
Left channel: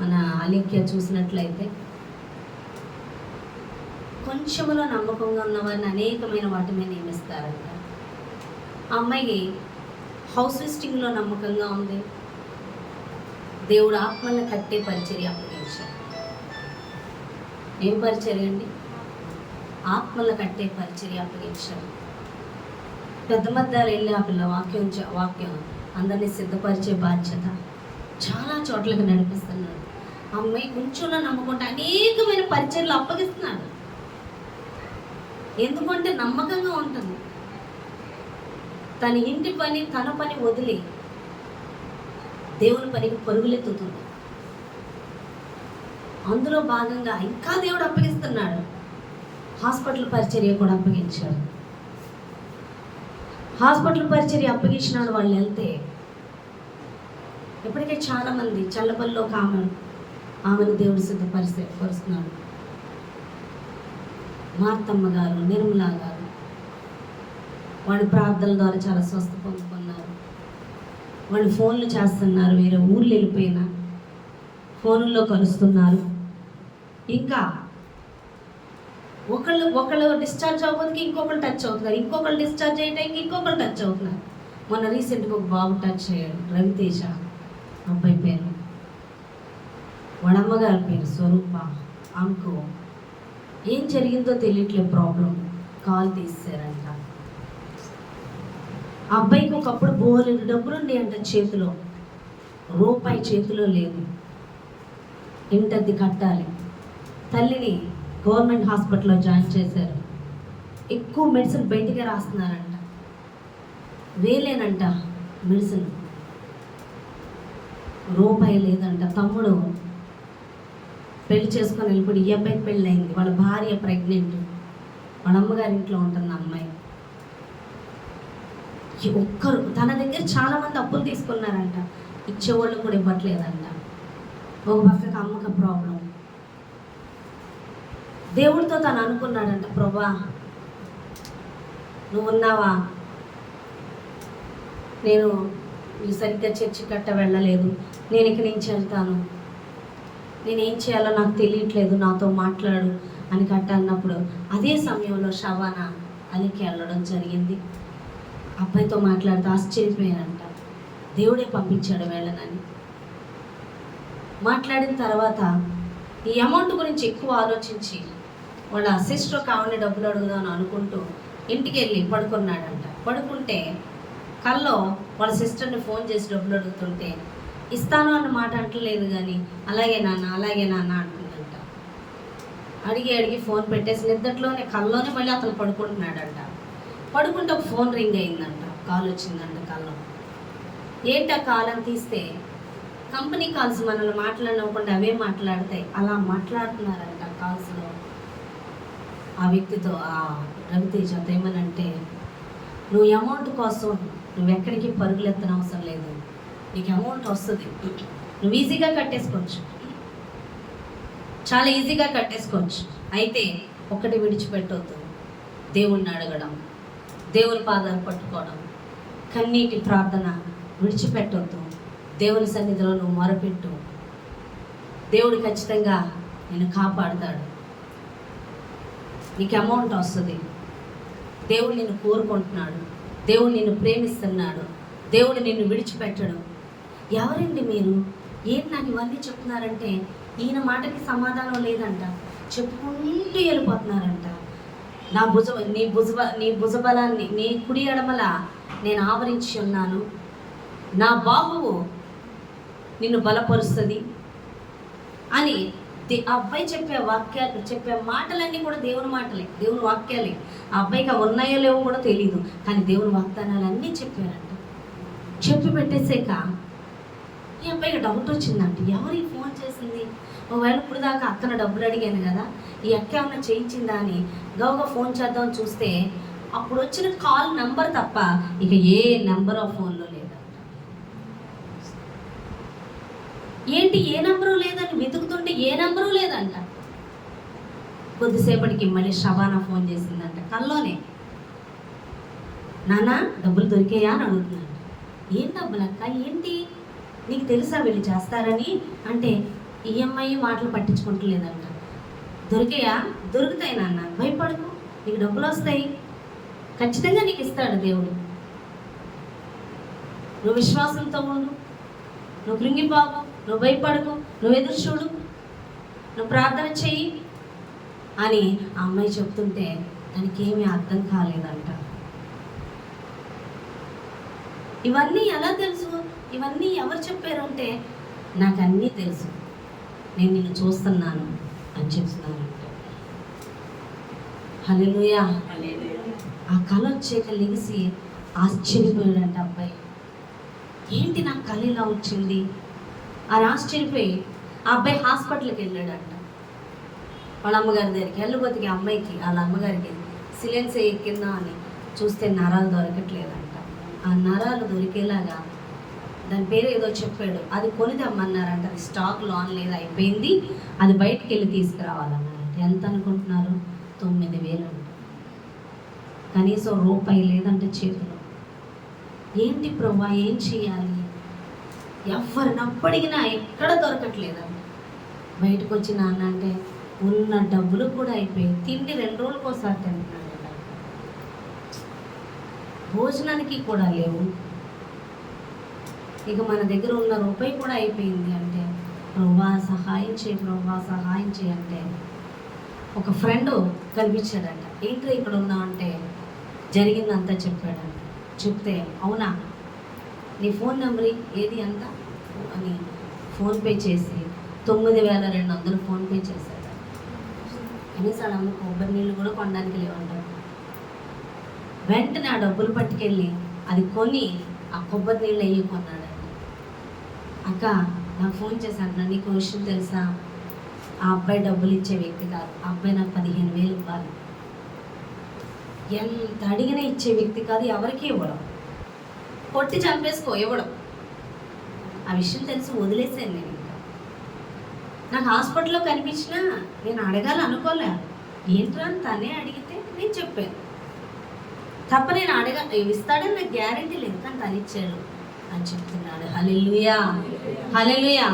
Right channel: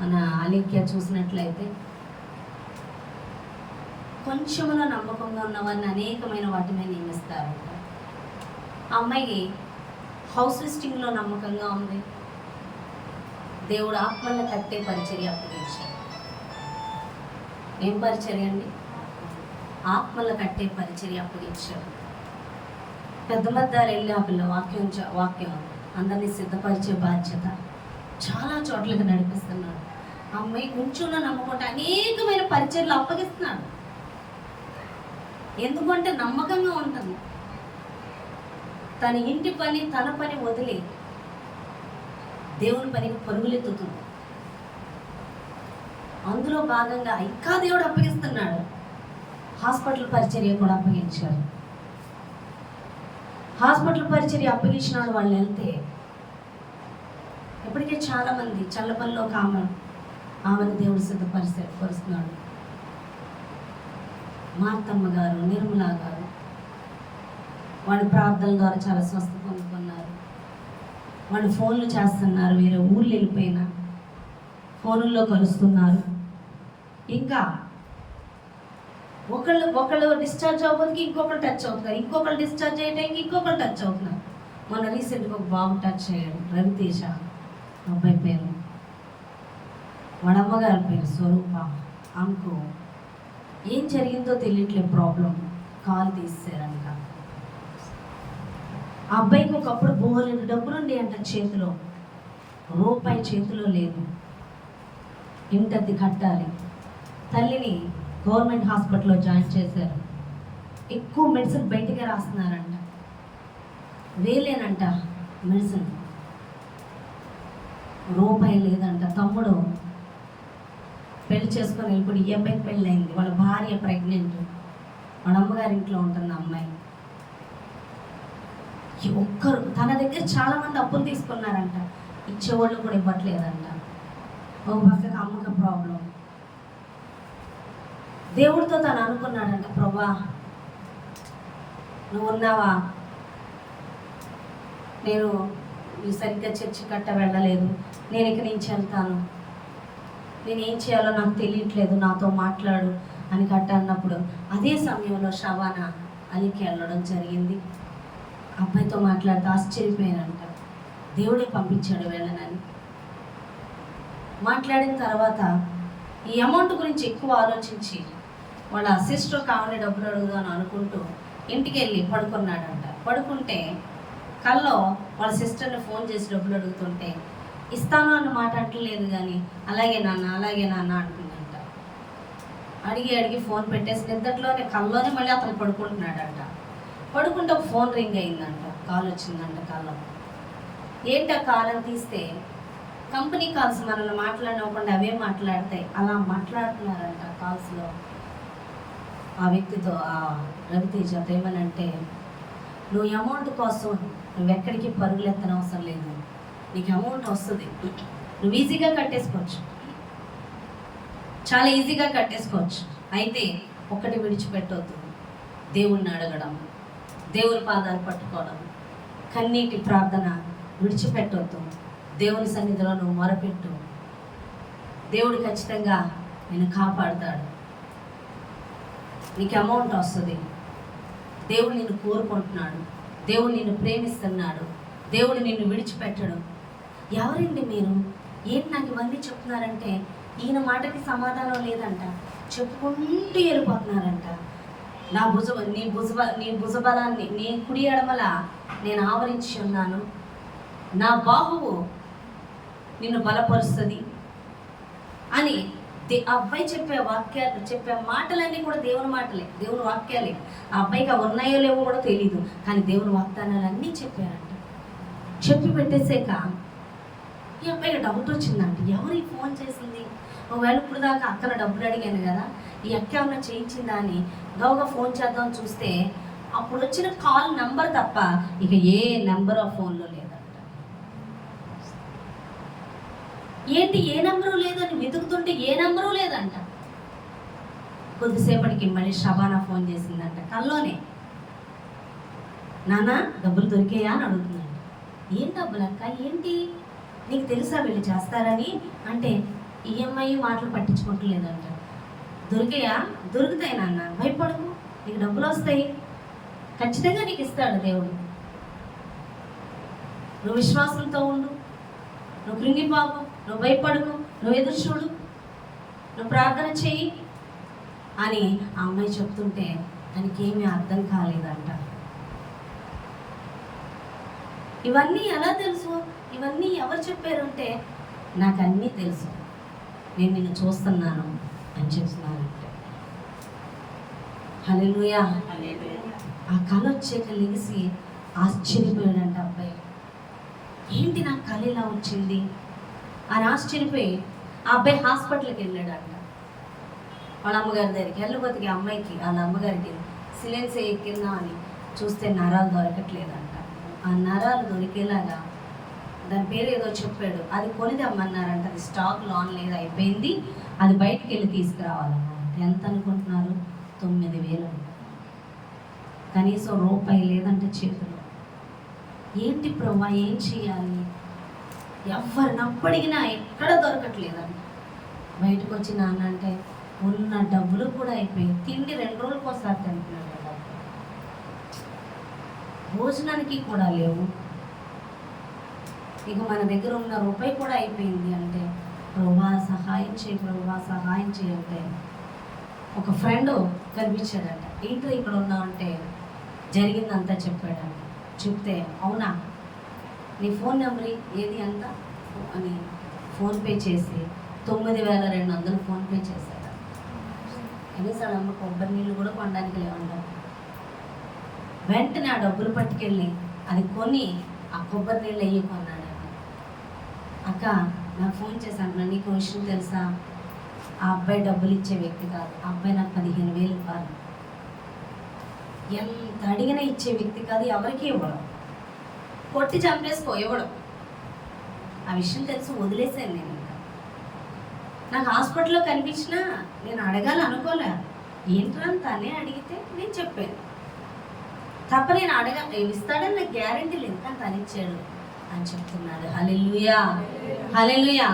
మన అలేఖ్య చూసినట్లయితే కొంచెంలో నమ్మకంగా ఉన్న వారిని అనేకమైన వాటి మీద నియమిస్తారంట. ఆ అమ్మాయి హౌస్ లిస్టింగ్లో నమ్మకంగా ఉంది. దేవుడు ఆత్మలను కట్టే పరిచర్య అప్పగించాడు. ఏం పరిచర్య అండి? ఆత్మలను కట్టే పరిచర్య అప్పగించాడు. పెద్ద మద్దారు వెళ్ళి ఆ పిల్ల వాక్యం అందరినీ సిద్ధపరిచే బాధ్యత చాలా చోట్లకి నడిపిస్తున్నాడు. అమ్మాయి కొంచెంలో నమ్మకుండా అనేకమైన పరిచర్యలు అప్పగిస్తున్నాడు. ఎందుకంటే నమ్మకంగా ఉంటుంది. తన ఇంటి పని తన పని వదిలి దేవుని పనికి పరుగులెత్తుతుంది. అందులో భాగంగా ఇంకా దేవుడు అప్పగిస్తున్నాడు. హాస్పిటల్ పరిచర్య కూడా అప్పగించాడు. హాస్పిటల్ పరిచర్య అప్పగించినాడు. వాళ్ళు వెళ్తే ఇప్పటికే చాలా మంది చల్లపల్లిలో ఒక ఆమెను దేవుడు సిద్ధపరుస్తున్నాడు. మార్తమ్మ గారు, నిర్మలా గారు వాడి ప్రార్థనల ద్వారా చాలా స్వస్థ పొందుకున్నారు. వాళ్ళు ఫోన్లు చేస్తున్నారు, వేరే ఊర్లు వెళ్ళిపోయినా ఫోన్లో కలుస్తున్నారు. ఇంకా ఒకళ్ళు డిశ్చార్జ్ అవ్వడానికి ఇంకొకరు టచ్ అవుతున్నారు, ఇంకొకరు డిశ్చార్జ్ అయ్యడానికి ఇంకొకరు టచ్ అవుతున్నారు. మొన్న రీసెంట్గా ఒక బాబు టచ్ అయ్యాడు, రవితేజ అబ్బాయి పేరు. వాడు అమ్మగారి పేరు స్వరూప. అంకు ఏం జరిగిందో తెలియట్లేదు, ప్రాబ్లం. కాల్ తీసారంట. ఆ అబ్బాయికి ఒకప్పుడు బోలెడు డబ్బులుండి అంట చేతిలో, రూపాయి చేతిలో లేదు. ఇంటది కట్టాలి. తల్లిని గవర్నమెంట్ హాస్పిటల్లో జాయిన్ చేశారు. ఎక్కువ మెడిసిన్ బయటికి రాస్తున్నారంట, వేలేనంట మెడిసిన్. రూపాయి లేదంట. తమ్ముడు పెళ్లి చేసుకొని వెళ్ళిపోయి ఈ అబ్బాయికి పెళ్ళి అయింది. వాళ్ళ భార్య ప్రెగ్నెంట్, వాళ్ళ అమ్మగారి ఇంట్లో ఉంటుంది అమ్మాయి. ఒక్కరు తన దగ్గర చాలా మంది అప్పులు తీసుకున్నారంట, ఇచ్చేవాళ్ళు కూడా ఇవ్వట్లేదంట. ఒక పక్కకి అమ్మక ప్రాబ్లం. దేవుడితో తను అనుకున్నాడంట, ప్రభా నువ్వు ఉన్నావా, నేను సరిగ్గా చర్చి కట్ట వెళ్ళలేదు, నేను ఇక్కడి నుంచి వెళ్తాను, నేనేం చేయాలో నాకు తెలియట్లేదు, నాతో మాట్లాడు అని కట్ట అన్నప్పుడు అదే సమయంలో షబానా అనికి వెళ్ళడం జరిగింది. అబ్బాయితో మాట్లాడుతూ ఆశ్చర్యపోయానంట. దేవుడే పంపించాడు వెళ్ళనని. మాట్లాడిన తర్వాత ఈ అమౌంట్ గురించి ఎక్కువ ఆలోచించి వాళ్ళ సిస్టర్ కావాలని డబ్బులు అడుగుదామని అనుకుంటూ ఇంటికి వెళ్ళి పడుకున్నాడంట. పడుకుంటే కల్లో వాళ్ళ సిస్టర్ని ఫోన్ చేసి డబ్బులు అడుగుతుంటే ఇస్తాను అన్న మాట అంటలేదు, కానీ అలాగే నాన్న అంటుందంట. అడిగి ఫోన్ పెట్టేసి నిద్దట్లోనే కల్లోనే మళ్ళీ అతను పడుకుంటున్నాడంట. పడుకుంటే ఒక ఫోన్ రింగ్ అయిందంట, కాల్ వచ్చిందంట కల్లో. ఏంటి ఆ కాల్ అని తీస్తే కంపెనీ కాల్స్ మనల్ని మాట్లాడకుండా అవే మాట్లాడతాయి. అలా మాట్లాడుతున్నారంట కాల్స్లో. ఆ వ్యక్తితో ఆ రవితేజ ఏమనంటే, నువ్వు అమౌంట్ కోసం నువ్వు ఎక్కడికి పరుగులు ఎత్తన అవసరం లేదు, నీకు అమౌంట్ వస్తుంది, నువ్వు ఈజీగా కట్టేసుకోవచ్చు, చాలా ఈజీగా కట్టేసుకోవచ్చు. అయితే ఒక్కటి విడిచిపెట్టవద్దు, దేవుణ్ణి అడగడం, దేవుని పాదాలు పట్టుకోవడం, కన్నీటి ప్రార్థన విడిచిపెట్టవద్దు. దేవుని సన్నిధిలో నువ్వు మొరపెట్టు, దేవుడు ఖచ్చితంగా నిన్ను కాపాడుతాడు, నీకు అమౌంట్ వస్తుంది. దేవుడు నిన్ను కోరుకుంటున్నాడు, దేవుడు నిన్ను ప్రేమిస్తున్నాడు, దేవుడు నిన్ను విడిచిపెట్టడు. ఎవరండి మీరు, ఏంటి నాకు ఇవన్నీ చెప్తున్నారంటే ఈయన మాటకి సమాధానం లేదంట. చెప్పుకుంటూ వెళ్ళిపోతున్నారంట. నీ భుజబలాన్ని నీ కుడి ఎడమల నేను ఆవరించి ఉన్నాను, నా బాహువు నిన్ను బలపరుస్తుంది అని ఆ అబ్బాయి చెప్పే మాటలన్నీ కూడా దేవుని మాటలే, దేవుని వాక్యాలే. ఆ అబ్బాయికి ఉన్నాయో లేవో కూడా తెలియదు, కానీ దేవుని వాగ్దానాలు అన్నీ చెప్పారంట. చెప్పి పెట్టేసాక ఈ అబ్బాయికి డౌట్ వచ్చిందంట, ఎవరు ఈ ఫోన్ చేసింది, ఒకవేళ ఇప్పుడు దాకా అక్కన డబ్బులు అడిగాను కదా, ఈ అక్క ఏమన్నా చేయించిందా అని గౌగా ఫోన్ చేద్దామని చూస్తే అప్పుడు వచ్చిన కాల్ నెంబర్ తప్ప ఇక ఏ నెంబర్ ఆ ఫోన్లో లేదంట. ఏంటి ఏ నెంబరు లేదని వెతుకుతుంటే ఏ నెంబరు లేదంట. కొద్దిసేపటికి మళ్ళీ షబానా ఫోన్ చేసిందంట కల్లోనే. నాన్న డబ్బులు దొరికాయా అని అడుగుతున్నాడు. ఏం డబ్బులు అక్క, ఏంటి నీకు తెలుసా వీళ్ళు చేస్తారని అంటే ఈఎంఐ మాటలు పట్టించుకుంటలేదంట. దొరికాయా? దొరుకుతాయి నాన్న, భయపడకు, నీకు డబ్బులు వస్తాయి, ఖచ్చితంగా నీకు ఇస్తాడు దేవుడు. నువ్వు విశ్వాసంతో ఉండు, నువ్వు కృంగిపోకు, నువ్వు భయపడకు, నువ్వు ఎదురు చూడు, నువ్వు ప్రార్థన చెయ్యి అని ఆ అమ్మాయి చెప్తుంటే దానికి ఏమీ అర్థం కాలేదంట. ఇవన్నీ ఎలా తెలుసు, ఇవన్నీ ఎవరు చెప్పారంటే, నాకు అన్నీ తెలుసు, నేను నిన్ను చూస్తున్నాను అని చెప్తున్నాను. హల్లెలూయా. ఆ కళ వచ్చాక లెగిసి ఆశ్చర్యపోయాడంట అబ్బాయి. ఏంటి నాకు కళ ఇలా వచ్చింది అని ఆశ్చర్యపోయి ఆ అబ్బాయి హాస్పిటల్కి వెళ్ళాడంట. వాళ్ళ అమ్మగారి దగ్గరికి వెళ్ళబోతుకి అమ్మాయికి వాళ్ళ అమ్మగారికి సిలెన్స్ ఎక్కిందా అని చూస్తే నరాలు దొరకట్లేదంట. ఆ నరాలు దొరికేలాగా దాని పేరు ఏదో చెప్పాడు, అది కొనిది అమ్మన్నారంట. అది స్టాక్లో ఆన్లైన్ అయిపోయింది, అది బయటికి వెళ్ళి తీసుకురావాలన్నారు. ఎంత అనుకుంటున్నారు? 9,000 అంట. కనీసం రూపాయి లేదంటే చేతిలో. ఏంటి ప్రభా, ఏం చేయాలి? ఎవరిని అప్పడిగినా ఎక్కడ దొరకట్లేదండి. బయటకు వచ్చి నాన్న అంటే ఉన్న డబ్బులు కూడా అయిపోయి, తిండి 2 రోజులకు ఒకసారి తింటున్నాడు, భోజనానికి కూడా లేవు. ఇక మన దగ్గర ఉన్న రూపాయి కూడా అయిపోయింది. అంటే ప్రభా సహాయం చేయి, ప్రభా సహాయం చేయంటే ఒక ఫ్రెండ్ కనిపించాడంట. ఏంటో ఇక్కడ ఉన్నా అంటే జరిగిందంతా చెప్పాడంట. చెప్తే అవునా, నీ ఫోన్ నెంబర్ ఏది అంతా అని ఫోన్పే చేసి 9,200 ఫోన్పే చేశాడు. కనీసాలు అమ్మ కొబ్బరి నీళ్ళు కూడా కొనడానికి లేవంటాం. వెంటనే ఆ డబ్బులు పట్టుకెళ్ళి అది కొని ఆ కొబ్బరి నీళ్ళు అయ్యి కొన్నాడు. అక్క నాకు ఫోన్ చేశాను, నీకు విషయం తెలుసా, ఆ అబ్బాయి డబ్బులు ఇచ్చే వ్యక్తి కాదు, ఆ అబ్బాయి నాకు 15,000 ఇవ్వాలి, ఎంత అడిగినా ఇచ్చే వ్యక్తి కాదు, ఎవరికి ఇవ్వడం, కొట్టి చంపేసుకో ఇవ్వడం. ఆ విషయం తెలిసి వదిలేసాను నేను. ఇంకా నాకు హాస్పిటల్లో కనిపించినా నేను అడగాలి అనుకోలే. ఏంట్రా తనే అడిగితే నేను చెప్పాను తప్ప నేను ఇస్తాడని నాకు గ్యారంటీ లేదు, కానీ తను ఇచ్చాడు అని చెప్తున్నాడు. హల్లెలూయా, హల్లెలూయా.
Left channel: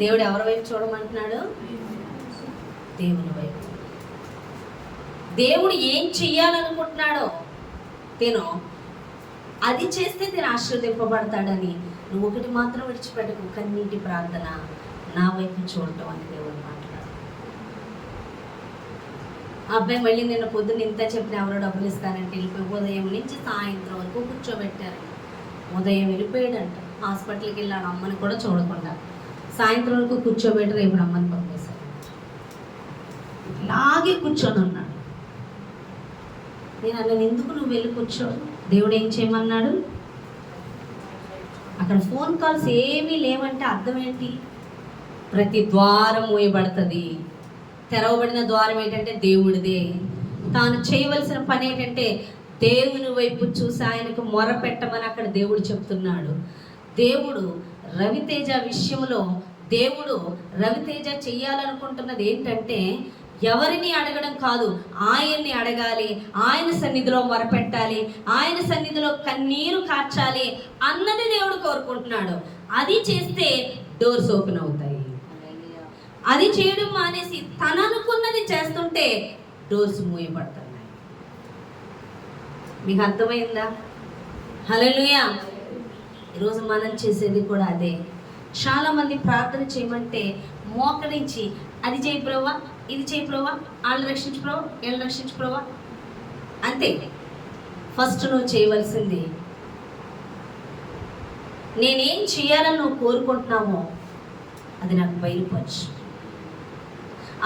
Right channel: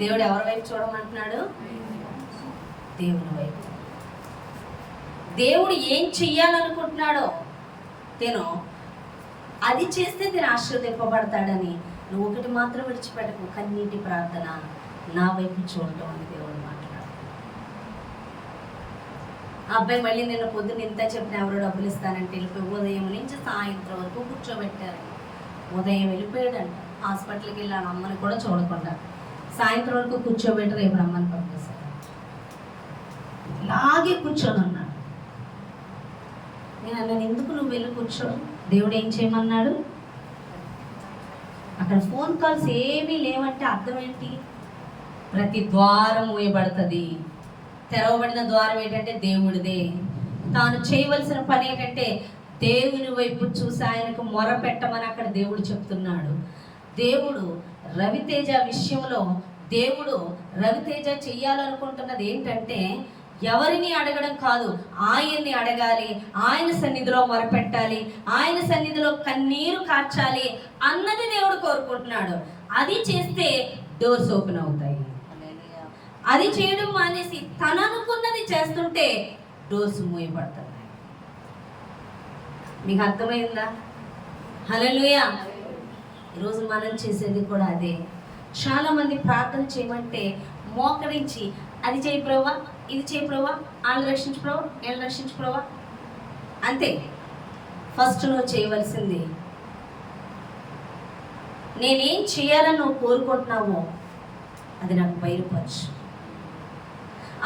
దేవుడు ఎవరి వైపు చూడమంటున్నాడు? దేవుని వైపు. దేవుడు ఏం చెయ్యాలనుకుంటున్నాడో తిను అది చేస్తే తిను ఆశీర్వదింపబడతాడని నువ్వు ఒకటి మాత్రం విడిచిపెట్టకు, కన్నీటి ప్రార్థన, నా వైపు చూడటం అని దేవుడు మాట్లాడు. ఆ అబ్బాయి మళ్ళీ నిన్న పొద్దున్న ఇంత చెప్పిన ఎవరో డబ్బులు ఇస్తానంటే వెళ్ళిపోయి ఉదయం నుంచి సాయంత్రం వరకు కూర్చోబెట్టారు. ఉదయం వెళ్ళిపోయాడంట, హాస్పిటల్కి వెళ్ళాను అమ్మని కూడా చూడకుండా. సాయంత్రం వరకు కూర్చోబెట్టి రేపు అమ్మని పంపేశాడు. ఇలాగే కూర్చొని ఉన్నాడు. నేను అన్నాను, ఎందుకు నువ్వు వెళ్ళి కూర్చో, దేవుడు ఏం చేయమన్నాడు? అక్కడ ఫోన్ కాల్స్ ఏమీ లేవంటే అర్థం ఏంటి? ప్రతి ద్వారం మూయబడుతుంది. తెరవబడిన ద్వారం ఏంటంటే దేవుడిదే. తాను చేయవలసిన పని ఏంటంటే దేవుని వైపు చూసి ఆయనకు మొర పెట్టమని అక్కడ దేవుడు చెప్తున్నాడు. దేవుడు రవితేజ విషయంలో దేవుడు రవితేజ చెయ్యాలనుకుంటున్నది ఏంటంటే ఎవరిని అడగడం కాదు, ఆయన్ని అడగాలి, ఆయన సన్నిధిలో మొరపెట్టాలి, ఆయన సన్నిధిలో కన్నీరు కార్చాలి అన్నది దేవుడు కోరుకుంటున్నాడు. అది చేస్తే డోర్స్ ఓపెన్ అవుతాయి. అది చేయడం మానేసి తను అనుకున్నది చేస్తుంటే డోర్స్ మూయబడుతున్నాయి. మీకు అర్థమైందా? హల్లెలూయా. ఈరోజు మనం చేసేది కూడా అదే. చాలా మంది ప్రార్థన చేయమంటే మోకరించి అది చేయి ప్రభా, ఇది చేయి ప్రభా, వాళ్ళు రక్షించు ప్రభా, వీళ్ళు రక్షించు ప్రభా అంతే. ఫస్ట్ నువ్వు చేయవలసింది, నేనేం చేయాలని నువ్వు కోరుకుంటున్నావో అది నాకు బయలుపరచు,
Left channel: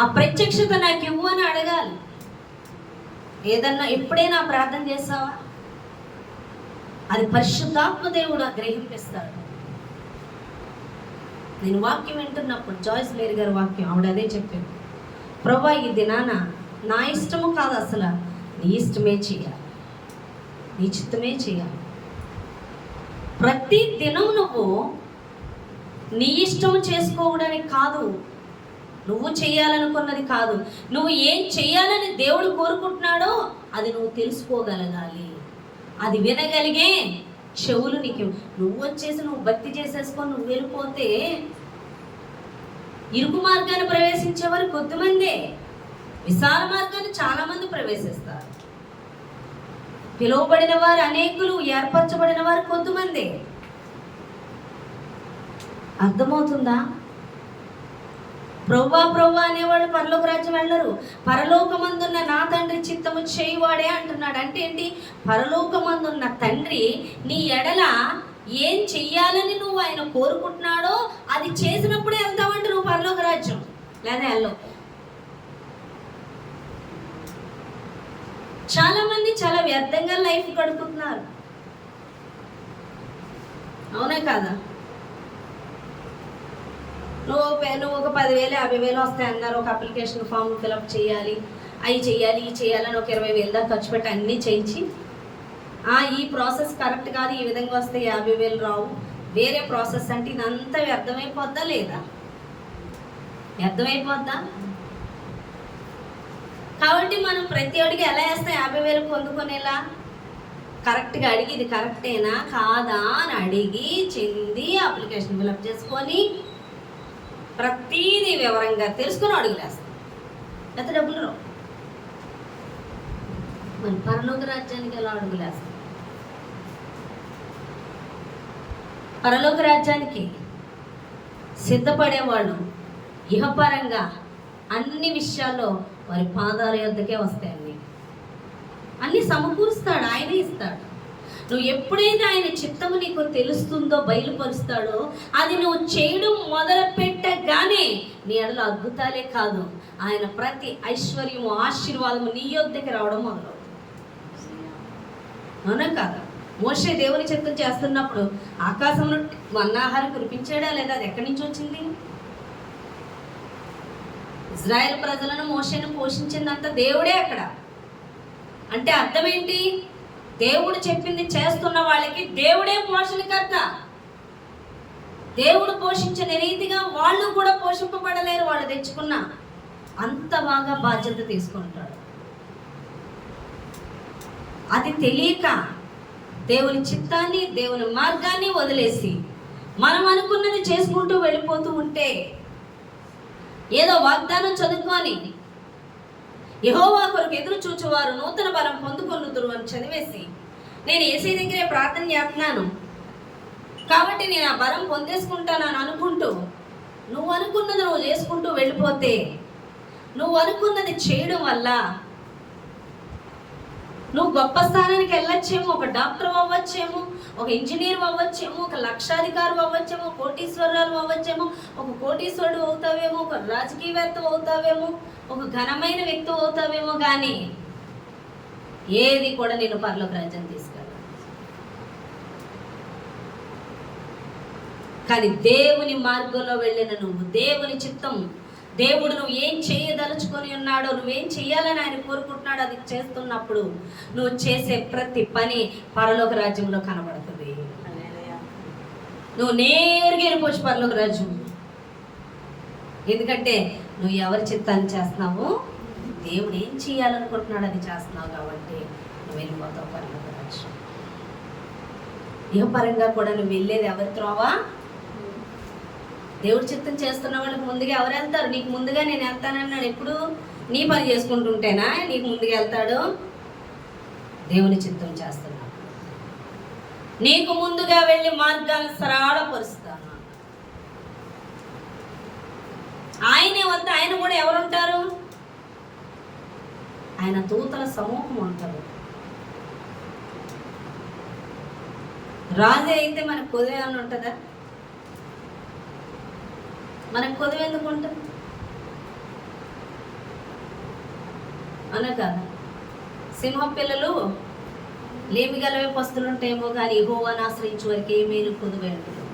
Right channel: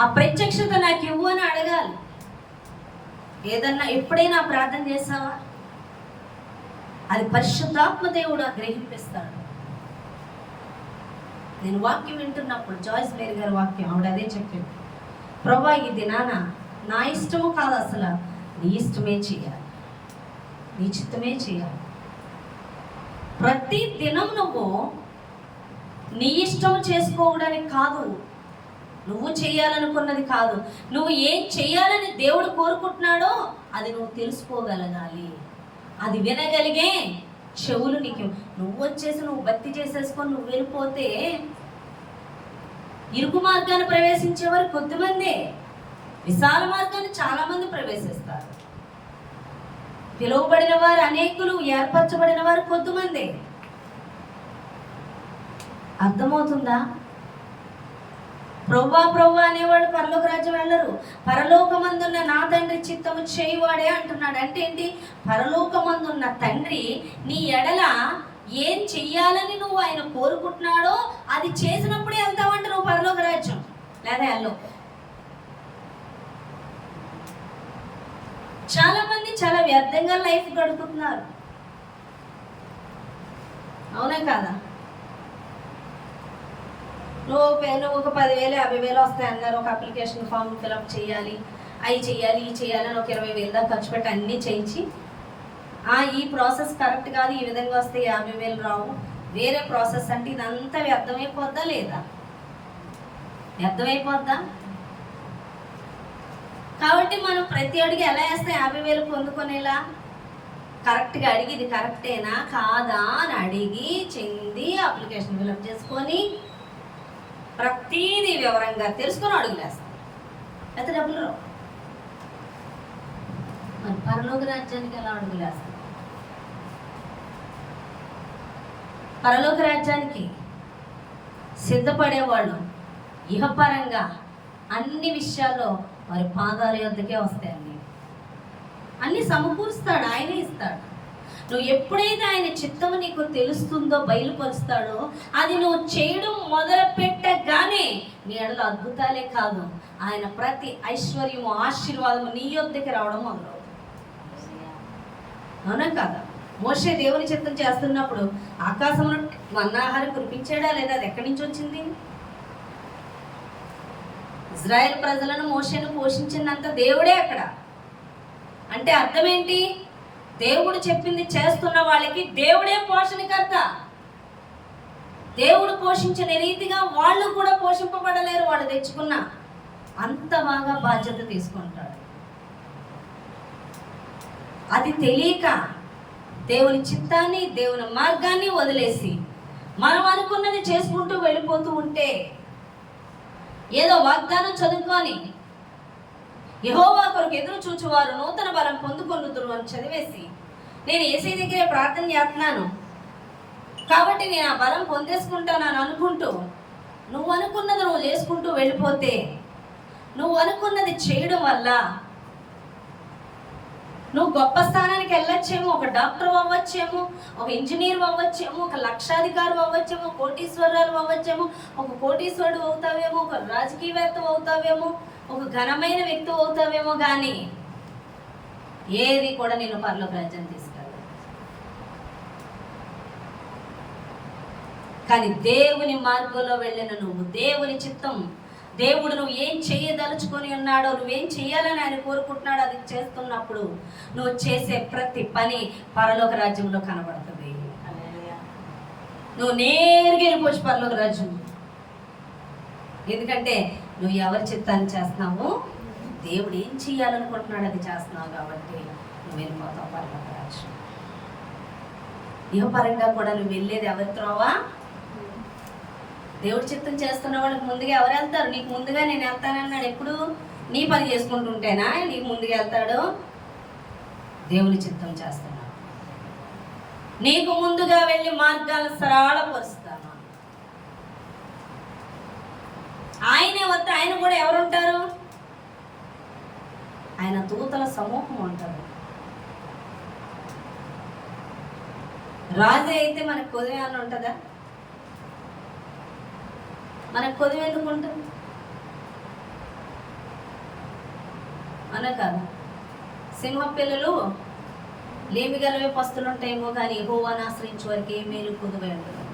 ఆ ప్రత్యక్షత నాకు ఇవ్వు అని అడగాలి. ఏదన్నా ఎప్పుడైనా ప్రార్థన చేస్తావా? అది పరిశుద్ధాత్మ దేవుడు గ్రహింపిస్తాడు. నేను వాక్యం వింటున్నప్పుడు జాయిస్ మేరీ గారి వాక్యం, ఆవిడ అదే చెప్పింది, ప్రభా ఈ దినాన నా ఇష్టము కాదు, అసలు నీ ఇష్టమే చేయాలి, నీ చిత్తమే చేయాలి. ప్రతి దినం నువ్వు నీ ఇష్టం చేసుకోవడానికి కాదు, నువ్వు చేయాలనుకున్నది కాదు, నువ్వు ఏం చేయాలని దేవుడు కోరుకుంటున్నాడో అది నువ్వు తెలుసుకోగలగాలి. అది వినగలిగే చెవులు నీకు. నువ్వు వచ్చేసి నువ్వు భక్తి చేసేసుకొని నువ్వు వెళ్ళిపోతే ఇరుకు మార్గాన్ని ప్రవేశించేవారు కొద్దిమందే. విశాల మార్గాన్ని చాలా మంది ప్రవేశిస్తారు. పిలువబడిన వారు అనేకులు, ఏర్పరచబడిన వారు కొద్దిమంది. అర్థమవుతుందా? ప్రవ్వా ప్రవ్వా అనేవాళ్ళు పరలోక రాజ్యం వెళ్ళరు. పరలోకమందున్న నా తండ్రి చిత్తము చేయువాడే అంటున్నాడు. అంటే ఏంటి? పరలోకమందున్న తండ్రి నీ ఎడల ఏం చెయ్యాలని నువ్వు ఆయన కోరుకుంటున్నాడో అది చేసినప్పుడే వెళ్తావంటే నువ్వు పరలోక రాజ్యం, లేదా వెళ్ళవు. చాలా మంది చాలా వ్యర్థంగా లైఫ్ గడుపుతున్నారు. అవునా కాదా? నువ్వు ఒక 10,000 50,000 వస్తాయి అన్నారు. ఒక అప్లికేషన్ ఫామ్ ఫిలప్ చేయాలి, అవి చేయాలి, ఇవి చేయాలని ఒక 20,000 దాకా ఖర్చు పెట్టి అన్నీ చేయించి, ఈ ప్రాసెస్ కరెక్ట్ కాదు, ఈ విధంగా వస్తే 50,000 రావు, వేరే ప్రాసెస్ అంటే ఇదంతా వ్యర్థమైపోద్దా లేదా? వ్యర్థమైపోద్దా? కాబట్టి మనం ప్రతి అడిగి ఎలా వేస్తే 50,000 పొందుకునేలా కరెక్ట్గా అడిగి ఇది కరెక్టేనా కాదా అని అడిగి చెంది అప్లికేషన్ ఫిలప్ చేసుకొని ప్రతీది వివరంగా తెలుసుకొని అడుగులేస్తాం. ఎంత డబ్బులు రావు. మరి పరలోక రాజ్యానికి ఎలా అడుగులేస్తాం? పరలోక రాజ్యానికి సిద్ధపడేవాళ్ళు ఇహపరంగా అన్ని విషయాల్లో వారి పాదాల యొద్దకే వస్తాయండి. అన్ని సమకూరుస్తాడు, ఆయనే ఇస్తాడు. నువ్వు ఎప్పుడైతే ఆయన చిత్తము నీకు తెలుస్తుందో, బయలుపరుస్తాడో, అది నువ్వు చేయడం మొదలు పెట్టగానే నీ ఎడలో అద్భుతాలే కాదు, ఆయన ప్రతి ఐశ్వర్యము ఆశీర్వాదము నీ యొద్దకి రావడం మొదలవుతుంది. అవునా కాదా? మోషే దేవుని చిత్తం చేస్తున్నప్పుడు ఆకాశంలో మన్నాహారం కురిపించాడా లేదా? అది ఎక్కడి నుంచి వచ్చింది? ఇజ్రాయెల్ ప్రజలను మోషేను పోషించిందంత దేవుడే అక్కడ. అంటే అర్థం ఏంటి? దేవుడు చెప్పింది చేస్తున్న వాళ్ళకి దేవుడే పోషణకర్త. దేవుడు పోషించిన రీతిగా వాళ్ళు కూడా పోషింపబడలేరు. వాళ్ళు తెచ్చుకున్న అంత బాగా బాధ్యత తీసుకుంటాడు. అది తెలియక దేవుని చిత్తాన్ని, దేవుని మార్గాన్ని వదిలేసి మనం అనుకున్నది చేసుకుంటూ వెళ్ళిపోతూ ఉంటే, ఏదో వాగ్దానం చదువుకొని యెహోవా కొరకు ఎదురు చూచువారు నూతన బలం పొందుకొనుదురు అని చదివేసి నేను యేసయ్య దగ్గరే ప్రార్థన చేస్తున్నాను కాబట్టి నేను ఆ బలం పొందేసుకుంటాను అనుకుంటూ నువ్వు అనుకున్నది నువ్వు చేసుకుంటూ వెళ్ళిపోతే, నువ్వు అనుకున్నది చేయడం వల్ల నువ్వు గొప్ప స్థానానికి వెళ్ళొచ్చేమో, ఒక డాక్టర్ అవ్వచ్చేమో, ఒక ఇంజనీర్ అవ్వచ్చేమో, ఒక లక్షాధికారి అవ్వచ్చేమో, కోటీశ్వరాలు అవ్వచ్చేమో, ఒక కోటీశ్వరుడు అవుతావేమో, ఒక రాజకీయవేత్త అవుతావేమో, ఒక ఘనమైన వ్యక్తి అవుతావేమో, కానీ ఏది కూడా నేను పరలోక రాజ్యం తీసుకెళ్ళను. కానీ దేవుని మార్గంలో వెళ్ళిన నువ్వు, దేవుని చిత్తం, దేవుడు నువ్వు ఏం చేయదలుచుకొని ఉన్నాడో, నువ్వేం చేయాలని ఆయన కోరుకుంటున్నాడో అది చేస్తున్నప్పుడు నువ్వు చేసే ప్రతి పని పరలోక రాజ్యంలో కనబడుతుంది. నువ్వు నేరుగా వెళ్ళిపోవచ్చు పరలోక రాజ్యం. ఎందుకంటే నువ్వు ఎవరి చిత్తాన్ని చేస్తున్నావు, దేవుడు ఏం చేయాలనుకుంటున్నాడు అది చేస్తున్నావు కాబట్టి నువ్వు వెళ్ళిపోతావు పరలోక రాజ్యం. ఇహపరంగా కూడా నువ్వు వెళ్ళేది ఎవరి త్రోవా? దేవుడి చిత్తం చేస్తున్న వాళ్ళకి ముందుగా ఎవరు వెళ్తారు? నీకు ముందుగా నేను వెళ్తానన్నాడు. ఎప్పుడు నీ పని చేసుకుంటుంటేనా నీకు ముందుగా వెళ్తాడు? దేవుని చిత్తం చేస్తున్నాడు. నీకు ముందుగా వెళ్ళి మార్గాలను సరళపరుస్తాను. ఆయనే వద్ద ఆయన కూడా ఎవరుంటారు? ఆయన దూతల సమూహం ఉంటారు. రాజు అయితే మనకు కొద్దిగా ఏమైనా ఉంటుందా? మనకు కొద్దిగా ఎందుకు ఉంటుంది? అలా కాదు. సింహం పిల్లలు లేమి గలవే పస్తులు ఉంటాయేమో, కానీ యెహోవాను ఆశ్రయించే వారికి ఏ మేలు కుదువై ఉంటుంది,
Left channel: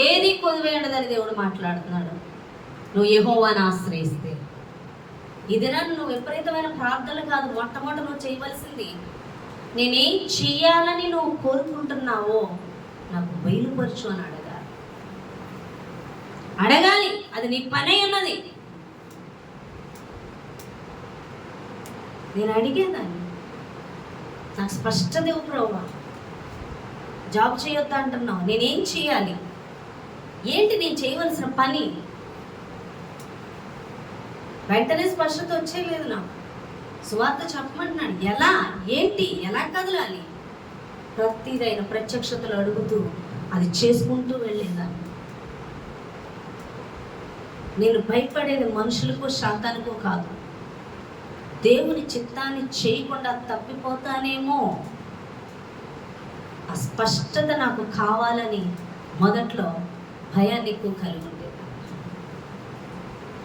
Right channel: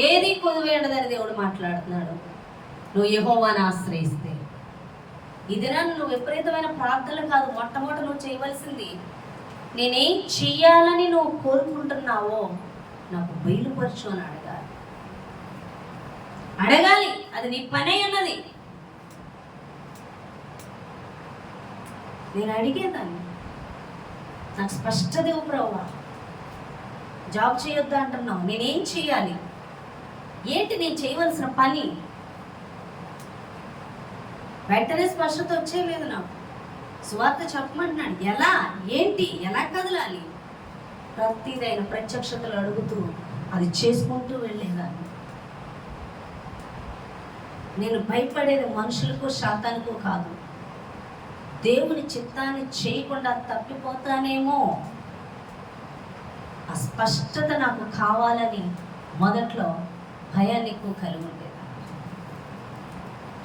ఏది కుదువై ఉండదని దేవుడు మాట్లాడుతున్నాడు. నువ్వు యెహోవాను ఆశ్రయిస్తే ఈ దినాన్ని నువ్వు విపరీతమైన ప్రార్థనలు కాదు, మొట్టమొదటి నువ్వు చేయవలసింది, నేనేం చెయ్యాలని నువ్వు కోరుకుంటున్నావో నాకు బయలుపరచు అని అడగాలి. అది నీ పనే ఉన్నది. నేను అడిగేదాన్ని, నాకు స్పష్టత ఇవ్వు ప్రభువా. జాబ్ చేయొద్దు అంటున్నావు, నేనేం చేయాలి, ఏంటి నేను చేయవలసిన పని? వెంటనే స్పష్టత వచ్చేయలేదు నాకు. సువార్త చెప్పమంటున్నాడు, ఎలా, ఏంటి, ఎలా కదలాలి, ప్రతిదైన ప్రత్యక్షతలు అడుగుతూ అది చేసుకుంటూ వెళ్ళేదాన్ని. నేను భయపడేది మనుషులకు శాతానికో కాదు, దేవుని చిత్తాన్ని చేయకుండా తప్పిపోతానేమో. ఆ స్పష్టత నాకు కావాలని మొదట్లో భయాన్ని ఎక్కువ కలిగి ఉండేది.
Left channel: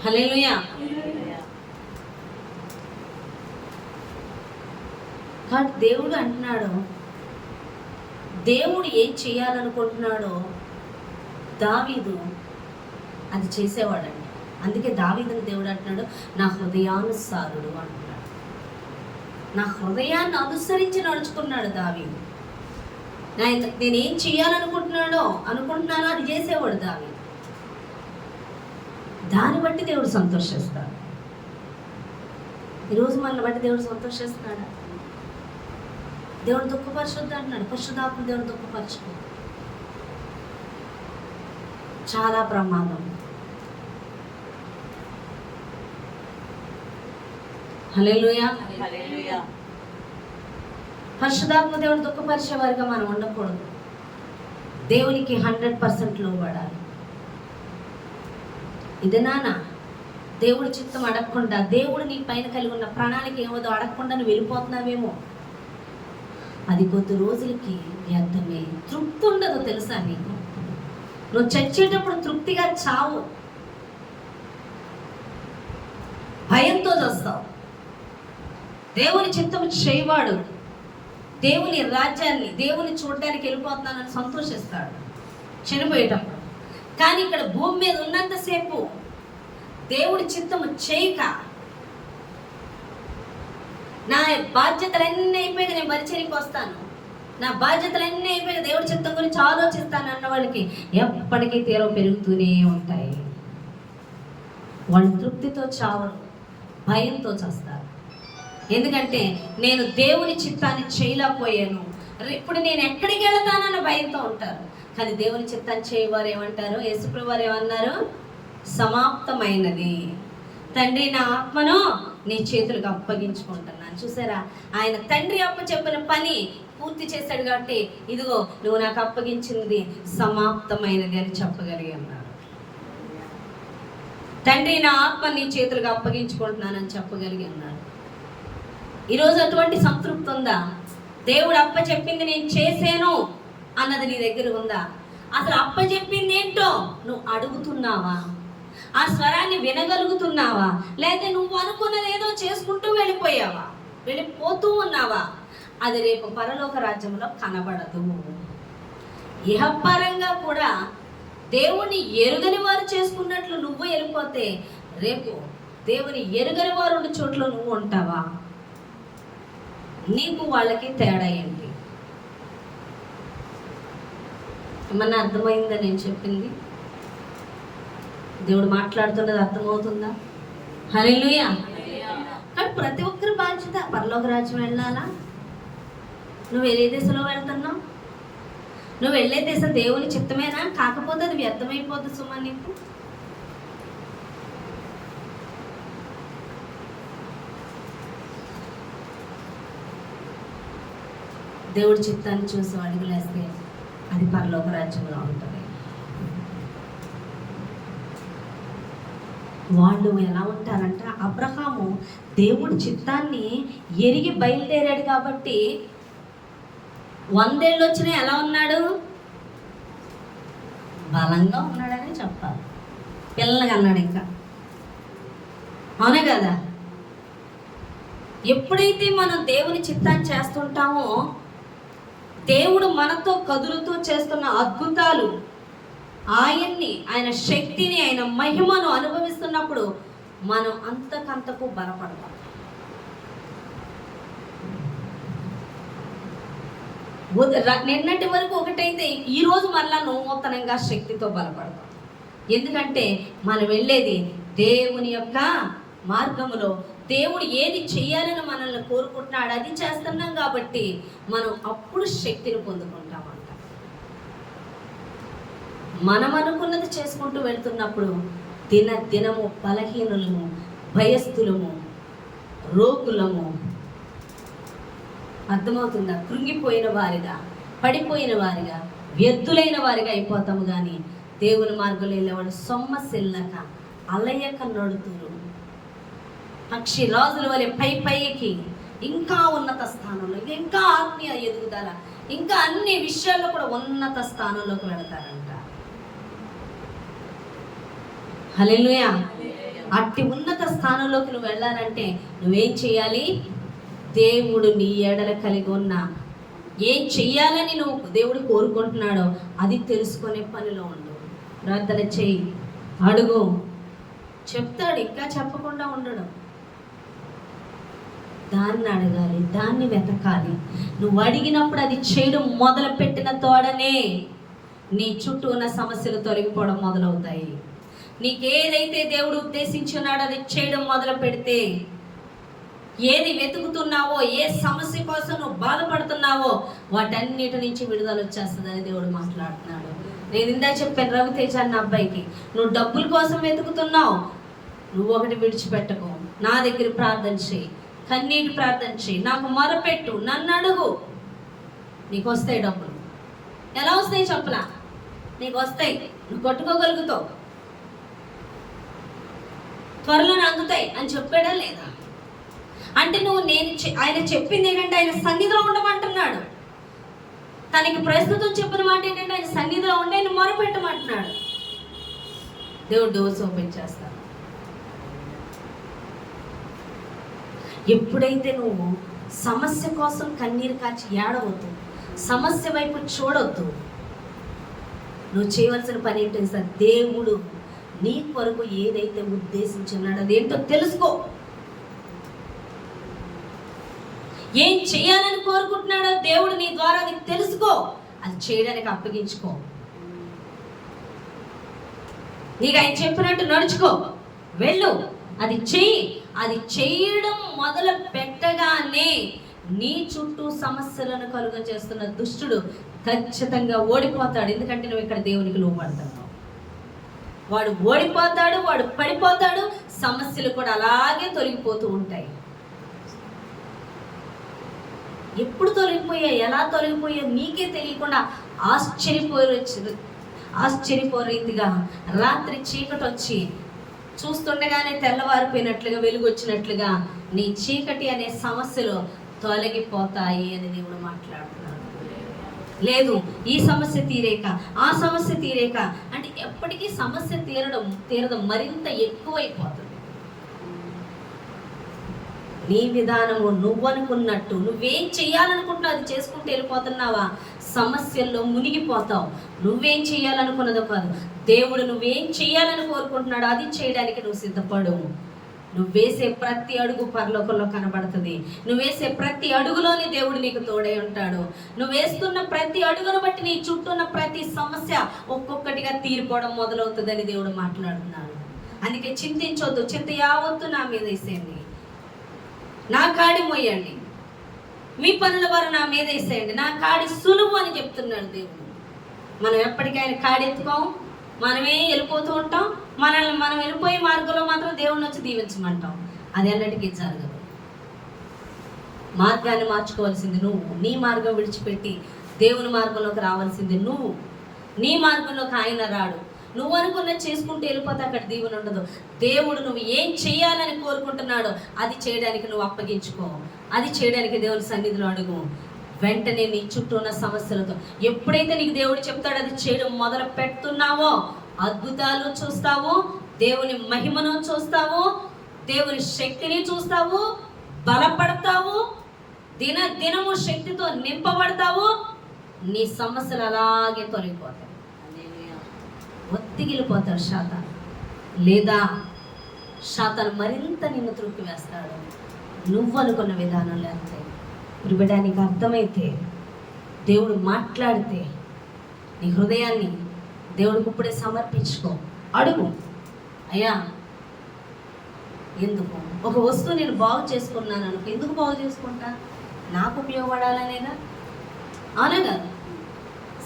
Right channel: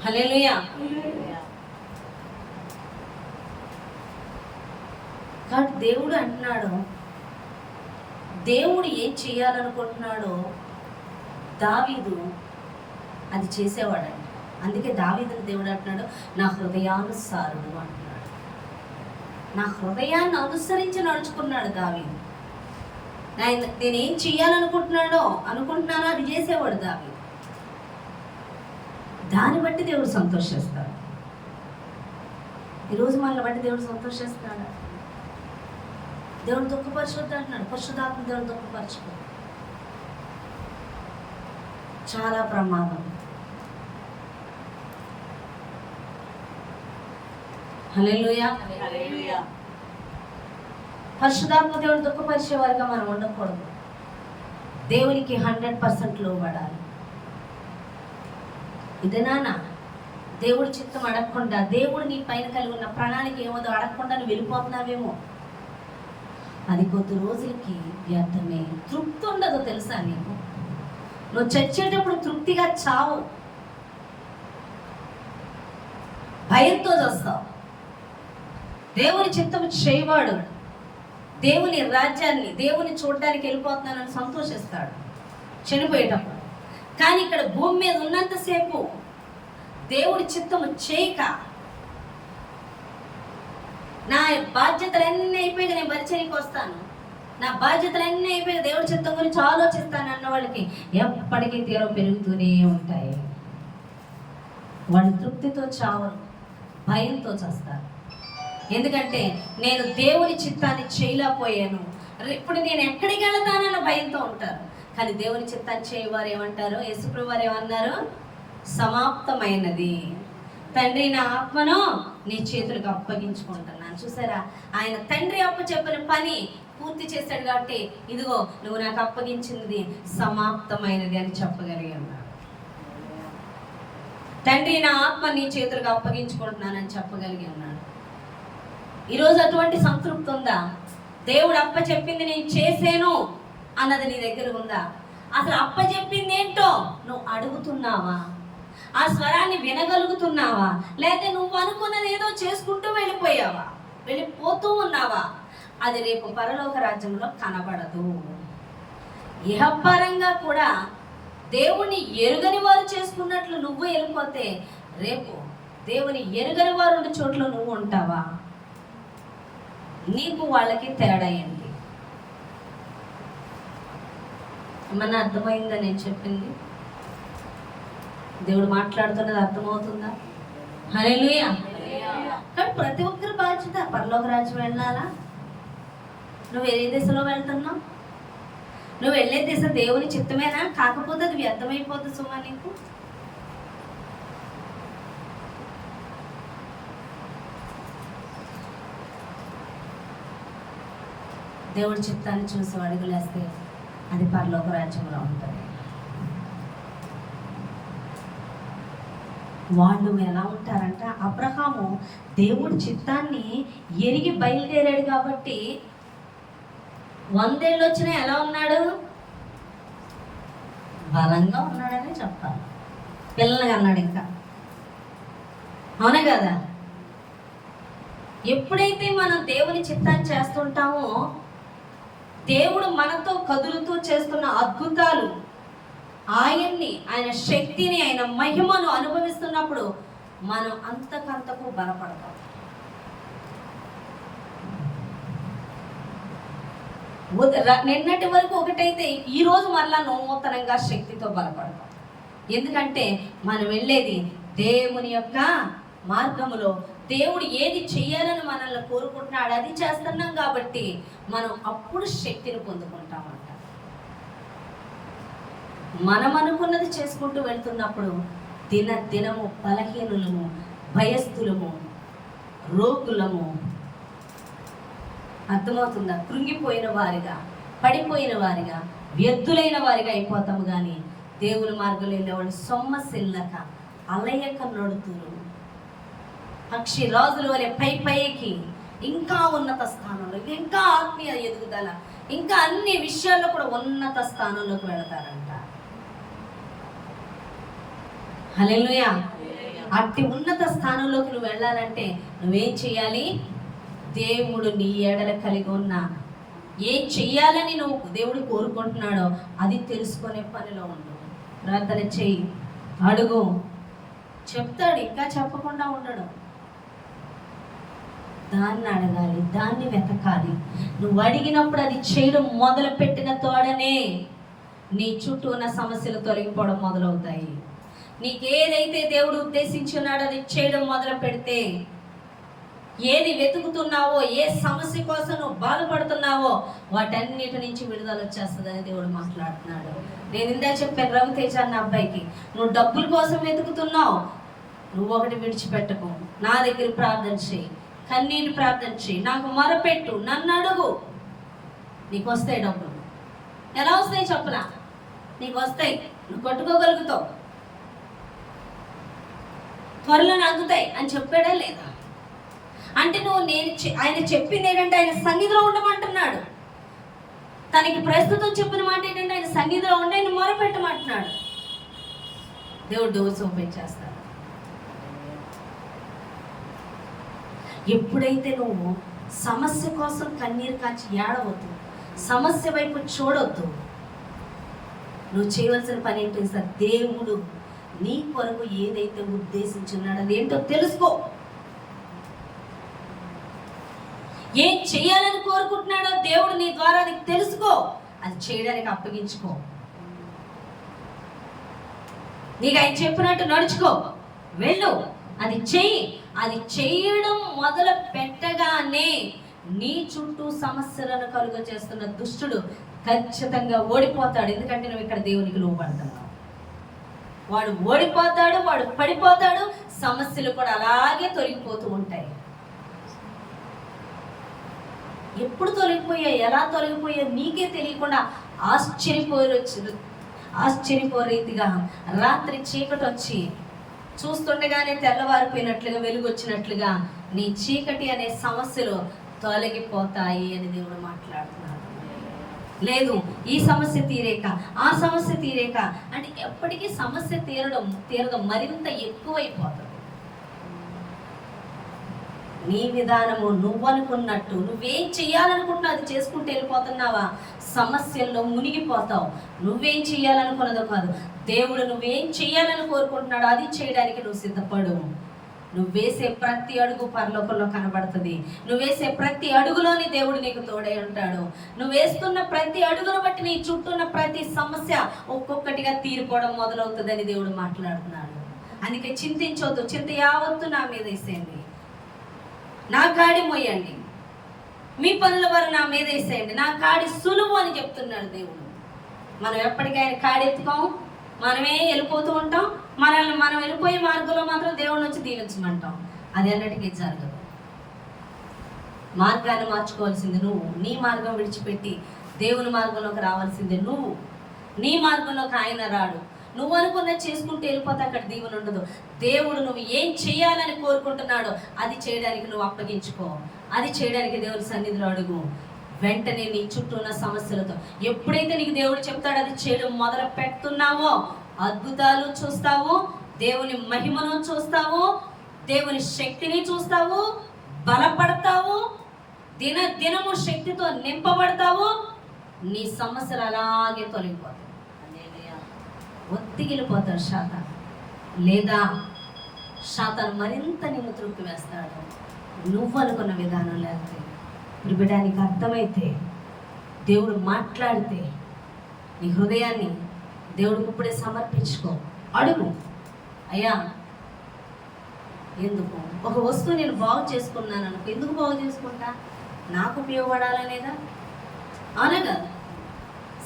హల్లెలూయా. కానీ దేవుడు అంటున్నాడు, దేవుడు ఏం చేయాలనుకుంటున్నాడో దావీదు అది చేసేవాడండి. అందుకే దావీదుని దేవుడు అంటున్నాడు, నా హృదయానుసారుడు అంటున్నాడు. నా హృదయాన్ని అనుసరించి నడుచుకున్నాడు దావీదు. నేనేం చేయాలనుకుంటున్నానో అది చేసేవాడు దావీదు. దాన్ని బట్టి దేవుడు సంతోషిస్తాడు. ఈరోజు మనల్ని బట్టి దేవుడు సంతోషిస్తున్నాడా? దేవుడు దుఃఖపరచొద్దు అంటున్నాడు. పరిశుద్ధాత్మ దేవుడు దుఃఖపరచు, చాలా ప్రమాదం. హల్లెలూయా. పరిశుద్ధాత్మ దేవుని దుఃఖపరిచే వారిగా మనం ఉండకూడదు. దేవునికి 100% లోబడాలి. ఇది నాన్న దేవుడి చిత్తం అడగకుండా, దేవుడు నీ పైన కలిగి ఉన్న ప్రణాళిక ఏమోదో అడగకుండా నువ్వు వెళ్ళిపోతున్నావేమో, అది కొద్ది రోజులకి వ్యర్థమే. తృప్తి ఉండదు తెలుసా నీకు? నువ్వు చచ్చేటప్పుడు తృప్తిగా చావు, భయంతో చేస్తావు. దేవుని చిత్తం చేయవాడు దేవుని రాజ్యాన్ని, దేవుని చూడడానికి వెళ్ళిపోతున్నానని సంతోషిస్తాడు చనిపోయేటప్పుడు. కానీ ఇక్కడ భూమి మీద ఉన్నంతసేపు దేవుడి చిత్తము చేయక, నా బాధ్యతలన్నీ అయిపోయాక నేను పరిచర్యకి వస్తాను, నా బాధ్యతలన్నీ అయిపోయాక దేవుడి చిత్తం గురించి ఆలోచిస్తాను అన్న వాళ్ళకి ఎప్పటికీ తీరం పెరుగుతూనే ఉంటాయి. వాళ్ళు తృప్తితో చావరు, భయంతో చేస్తారు. ఎందుకంటే నేను దేవుని చిత్తాన్ని చేయలేకపోయాను, ఇప్పుడు నేను ఎక్కడికి వెళతానన్న భయంతో ఉంటారు. కానీ దేవుని చిత్తాన్ని చేయవారు ఏమంటారు? యేసుప్రభువు వారు ఏమన్నారు? సమాప్తమైనది. తండ్రి, నా ఆత్మను నీ చేతులకు అప్పగించుకుంటున్నాను. చూసారా, ఆయన తండ్రి చెప్పిన పని పూర్తి చేశాడు కాబట్టి ఇదిగో నువ్వు నాకు అప్పగించినది సమాప్తమైనది అని చెప్పగలిగి ఉన్నాడు. తండ్రి, నా ఆత్మ నీ చేతులకు అప్పగించుకుంటున్నానని చెప్పగలిగి ఉన్నాడు. ఈరోజు అటువంటి సంతృప్తి ఉందా? దేవుడు అప్పచెప్పింది నేను చేశాను అన్నది నీ దగ్గర ఉందా? అసలు అప్పచెప్పింది ఏంటో నువ్వు అడుగుతున్నావా? ఆ స్వరాన్ని వినగలుగుతున్నావా? లేదా నువ్వు అనుకున్నది ఏదో చేసుకుంటూ వెళ్ళిపోతూ ఉన్నావా? అది రేపు పరలోక రాజ్యంలో కనబడదు. ఇహపరంగా కూడా దేవుని ఎరుగని వారు చేసుకున్నట్లు నువ్వు వెళ్ళిపోతే రేపు దేవుని ఎరుగని వారు ఉన్న చోట్ల నువ్వు ఉంటావా? నీకు వాళ్ళకి తేడా ఏంటి? ఏమన్నా అర్థమైందా నేను చెప్పింది? దేవుడు మాట్లాడుతున్నది అర్థమవుతుందా? హల్లెలూయా. కానీ ప్రతి ఒక్కరి బాధ్యత పరలోక రాజ్యం వెళ్ళాలా? నువ్వు ఏ దేశంలో వెళ్తున్నావు? నువ్వు వెళ్ళే దేశం దేవుని చిత్తమేనా? కాకపోతే అది వ్యర్థమైపోతుంది సుమా నీకు. దేవుడి చిత్తాన్ని చూసి అడుగులేస్తే అది పరలోక రాజ్యంలో ఉంటుంది. వాళ్ళు ఎలా ఉంటారంట, అబ్రహాము దేవుడి చిత్తాన్ని ఎరిగి బయలుదేరాడు కాబట్టి 100 ఏళ్ళు వచ్చినా ఎలా ఉన్నాడు? బలంగా ఉన్నాడనే చెప్పాలి. పిల్లలుగా అన్నాడు ఇంకా, అవునే కదా? ఎప్పుడైతే మనం దేవుని చిత్తాన్ని చేస్తుంటామో దేవుడు మనతో కదులుతూ చేస్తున్న అద్భుతాలు, ఆయన శక్తిని, ఆయన మహిమను అనుభవిస్తున్నప్పుడు మనం అంతకంతకు బలపడతాం. నిన్నటి వరకు ఒకటైతే ఈరోజు మరలా నూతనంగా శక్తితో బలపడతాం. ఎందుకంటే మనం వెళ్ళేది దేవుని యొక్క మార్గములో. దేవుడు ఏది చేయాలని మనల్ని కోరుకుంటున్నాడు అది చేస్తున్నాం కాబట్టి మనం అప్పుడు శక్తిని పొందుకుంటామంట. మనం అనుకున్నది చేసుకుంటూ వెళ్తున్నప్పుడు దినము బలహీనులము, భయస్థులము, రోగులము, అర్థమవుతుందా? కృంగిపోయిన వారిగా, పడిపోయిన వారిగా, వ్యర్థులైన వారిగా అయిపోతాము. కానీ దేవుని మార్గంలో వెళ్ళేవాళ్ళు సొమ్మసిల్లక అలయక నడుతురు, పక్షి రాజుల వలె పైకి ఇంకా ఉన్నత స్థానంలో, ఇంకా ఆత్మీయ ఎదుగుదల, ఇంకా అన్ని విషయాల్లో కూడా ఉన్నత స్థానంలోకి వెళతారంట. హల్లెలూయా. అట్టి ఉన్నత స్థానంలోకి నువ్వు వెళ్ళాలంటే నువ్వేం చేయాలి? దేవుడు నీ ఎడల కలిగి ఉన్న ఏం చెయ్యాలని నువ్వు దేవుడు కోరుకుంటున్నాడో అది తెలుసుకునే పనిలో ఉండు. ప్రార్థన చెయ్యి, అడుగు, చెప్తాడు. ఇంకా చెప్పకుండా ఉండడం, దాన్ని అడగాలి, దాన్ని వెతకాలి. నువ్వు అడిగినప్పుడు అది చేయడం మొదలు పెట్టిన తోడనే నీ చుట్టూ ఉన్న సమస్యలు తొలగిపోవడం మొదలవుతాయి. నీకేదైతే దేవుడు ఉద్దేశించున్నాడో అది చేయడం మొదలు పెడితే, ఏది వెతుకుతున్నావో, ఏ సమస్య కోసం నువ్వు బాధపడుతున్నావో వాటన్నిటి నుంచి విడుదల వచ్చేస్తుందని దేవుడు మాట్లాడుతున్నాడు. నేను ఇందా చెప్పాను రవితేజ అన్న అబ్బాయికి, నువ్వు డబ్బుల కోసం వెతుకుతున్నావు, నువ్వు ఒకటి విడిచిపెట్టకు, నా దగ్గర ప్రార్థన చేయి, కన్నీటి ప్రార్థన చేయి, నాకు మొరపెట్టు, నన్ను అడుగు, నీకు వస్తాయి డబ్బులు. ఎలా వస్తాయి చెప్పలా? నీకు వస్తాయి, నువ్వు కొట్టుకోగలుగుతావు, త్వరలోనే అందుతాయి అని చెప్పాడా లేదా? అంటే నువ్వు ఆయన చెప్పింది ఏంటంటే ఆయన సన్నిధిలో ఉండమంటున్నాడు. తనకి ప్రస్తుతం చెప్పిన మాట ఏంటంటే ఆయన సన్నిధిలో ఉండి ఆయన మొరపెట్టమంటున్నాడు. దేవుడు డోర్స్ ఓపెన్ చేస్తాడు. ఎప్పుడైతే నువ్వు సమస్య కోసం కన్నీరు కాచి ఏడవద్దు, సమస్య వైపు చూడొద్దు, నువ్వు చేయవలసిన పని ఏంటో సార్, దేవుడు నీ కొరకు ఏదైతే ఉద్దేశించున్నాడో అదేంటో తెలుసుకో. ఏం చేయాలని కోరుకుంటున్నాడో దేవుడు నీ ద్వారా అది తెలుసుకో, అది చేయడానికి అప్పగించుకో. నీకు ఆయన చెప్పినట్టు నడుచుకో, వెళ్ళు, అది చెయ్యి. అది చేయడం మొదలు పెట్టగానే నీ చుట్టూ సమస్యలను కలుగ చేస్తున్న దుష్టుడు ఖచ్చితంగా ఓడిపోతాడు. ఎందుకంటే నువ్వు ఇక్కడ దేవునికి లోబడుతున్నావు. వాడు ఓడిపోతాడు, వాడు పడిపోతాడు, సమస్యలు కూడా అలాగే తొలగిపోతూ ఉంటాయి. ఎప్పుడు తొలగిపోయాయి, ఎలా తొలగిపోయాయి నీకే తెలియకుండా ఆశ్చర్యపోరీతిగా రాత్రి చీకటి వచ్చి చూస్తుండగానే తెల్లవారిపోయినట్లుగా, వెలుగు వచ్చినట్లుగా నీ చీకటి అనే సమస్యలు తొలగిపోతాయి అని దేవుడు మాట్లాడుతున్నాడు. లేదు ఈ సమస్య తీరేక, ఆ సమస్య తీరేక అంటే ఎప్పటికీ సమస్య తీరడం మరింత ఎక్కువైపోతుంది. నీ విధానము, నువ్వు అనుకున్నట్టు, నువ్వేం చెయ్యాలనుకుంటున్నావు అది చేసుకుంటూ వెళ్ళిపోతున్నావా, సమస్యల్లో మునిగిపోతావు. నువ్వేం చెయ్యాలనుకున్నదో కాదు, దేవుడు నువ్వేం చెయ్యాలని కోరుకుంటున్నాడో అది చేయడానికి నువ్వు సిద్ధపడు. నువ్వు వేసే ప్రతి అడుగు పరలోకంలో కనబడుతుంది. నువ్వు వేసే ప్రతి అడుగులోని దేవుడు నీకు తోడై ఉంటాడు. నువ్వు వేస్తున్న ప్రతి అడుగును బట్టి నీ చుట్టూ ఉన్న ప్రతి సమస్య ఒక్కొక్కటిగా తీరిపోవడం మొదలవుతుందని దేవుడు మాట్లాడుతున్నాడు. అందుకే చింతించొద్దు, చింత యావత్తు నా మీద వేసేయండి, నా కాడి మోయండి, మీ పనుల వారు నా మీద వేసేయండి, నా కాడి సులువు అని చెప్తున్నాడు దేవుడు. మనం ఎప్పటికైనా కాడి ఎత్తుకోము, మనమే వెళ్ళిపోతూ ఉంటాం. మనం వెళ్ళిపోయే మార్గంలో మాత్రం దేవుడిని వచ్చి దీవించమంటాం. అది అన్నిటికీ జరగదు. మార్గాన్ని మార్చుకోవాల్సింది నువ్వు. నీ మార్గం విడిచిపెట్టి దేవుని మార్గంలోకి రావాల్సింది నువ్వు. నీ మార్గంలోకి ఆయన రాడు. నువ్వు అనుకున్నది చేసుకుంటూ వెళ్ళిపోతే అక్కడ దీవెన ఉండదు. దేవుడు నువ్వు ఏం చేయాలని కోరుకుంటున్నాడో అది చేయడానికి నువ్వు అప్పగించుకో. అది చేయడానికి దేవుని సన్నిధిలో అడుగు. వెంటనే నీ చుట్టూ ఉన్న సమస్యలతో ఎప్పుడైతే నీకు దేవుడు చెప్తాడో అది చేయడం మొదలు పెడుతున్నావో అద్భుతాలు చూస్తావు, దేవుని మహిమను చూస్తావు, దేవుని శక్తిని చూస్తావు, బలపడతావు, దినము శక్తితో నింపబడతావు. నీ సమస్యలు అలాగే తొలగిపోతాయి. ఒత్తిగిలిపోతాడు శాతాను, లేదా శాతాను మరింత నిన్ను త్రుక్కి వేస్తాడు. నువ్వు అనుకున్న విధానం లేకపోతే బిడ్డానికి అర్థమైతే, దేవుడు మాట్లాడితే నీ హృదయాన్ని దేవుడికి ఇప్పుడే సమర్పించుకో. అడుగు, అయ్యా ఎందుకు ఒక వస్తువు నేను బాగు చేసుకున్నాను అనుకో, ఎందుకు బాగు చేసుకుంటా, నాకు ఉపయోగపడాలనేదా? అవునా కదా?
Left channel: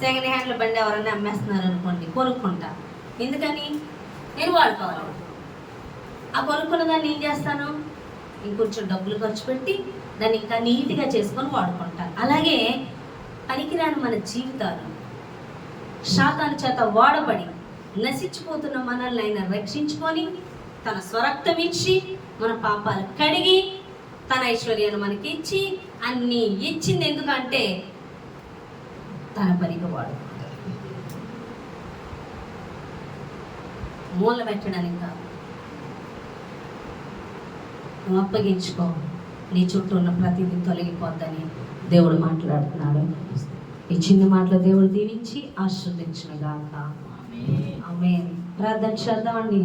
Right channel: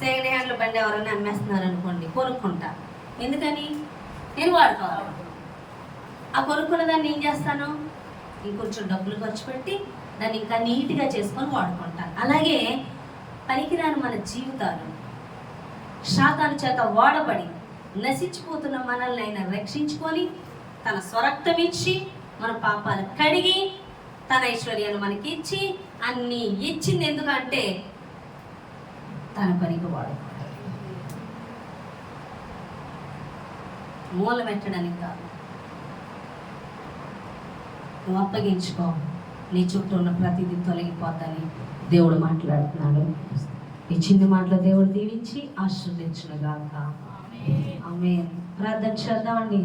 సెకండ్ హ్యాండ్ల బండి ఎవరైనా అమ్మేస్తున్నారు అనుకోండి, కొనుక్కుంటా. ఎందుకని? నేను వాడుకోవాలి. ఆ కొనుక్కున్న దాన్ని ఏం చేస్తాను, ఇంకొంచెం డబ్బులు ఖర్చు పెట్టి దాన్ని ఇంకా నీట్గా చేసుకొని వాడుకుంటాను. అలాగే పనికిరాని మన జీవితాలు శాతాను చేత వాడబడి నశించిపోతున్న మనల్ని ఆయన రక్షించుకొని తన స్వరక్తం ఇచ్చి మన పాపాలు కడిగి తన ఐశ్వర్యాన్ని మనకి ఇచ్చి అన్నీ ఇచ్చింది. ఎందుకంటే తన పనికి వాడుకుంటాడు, మూల పెట్టడానికి కాదు. నువ్వు అప్పగించుకో, నీ చుట్టూ ఉన్న ప్రతిదీ తొలగిపోద్దని దేవుడు మాట్లాడుతున్నాడు. ఈ చిన్న మాటలో దేవుడు దీవించి ఆశీర్వదించును గాక. ఆమేన్. ప్రార్థన చేద్దామండి.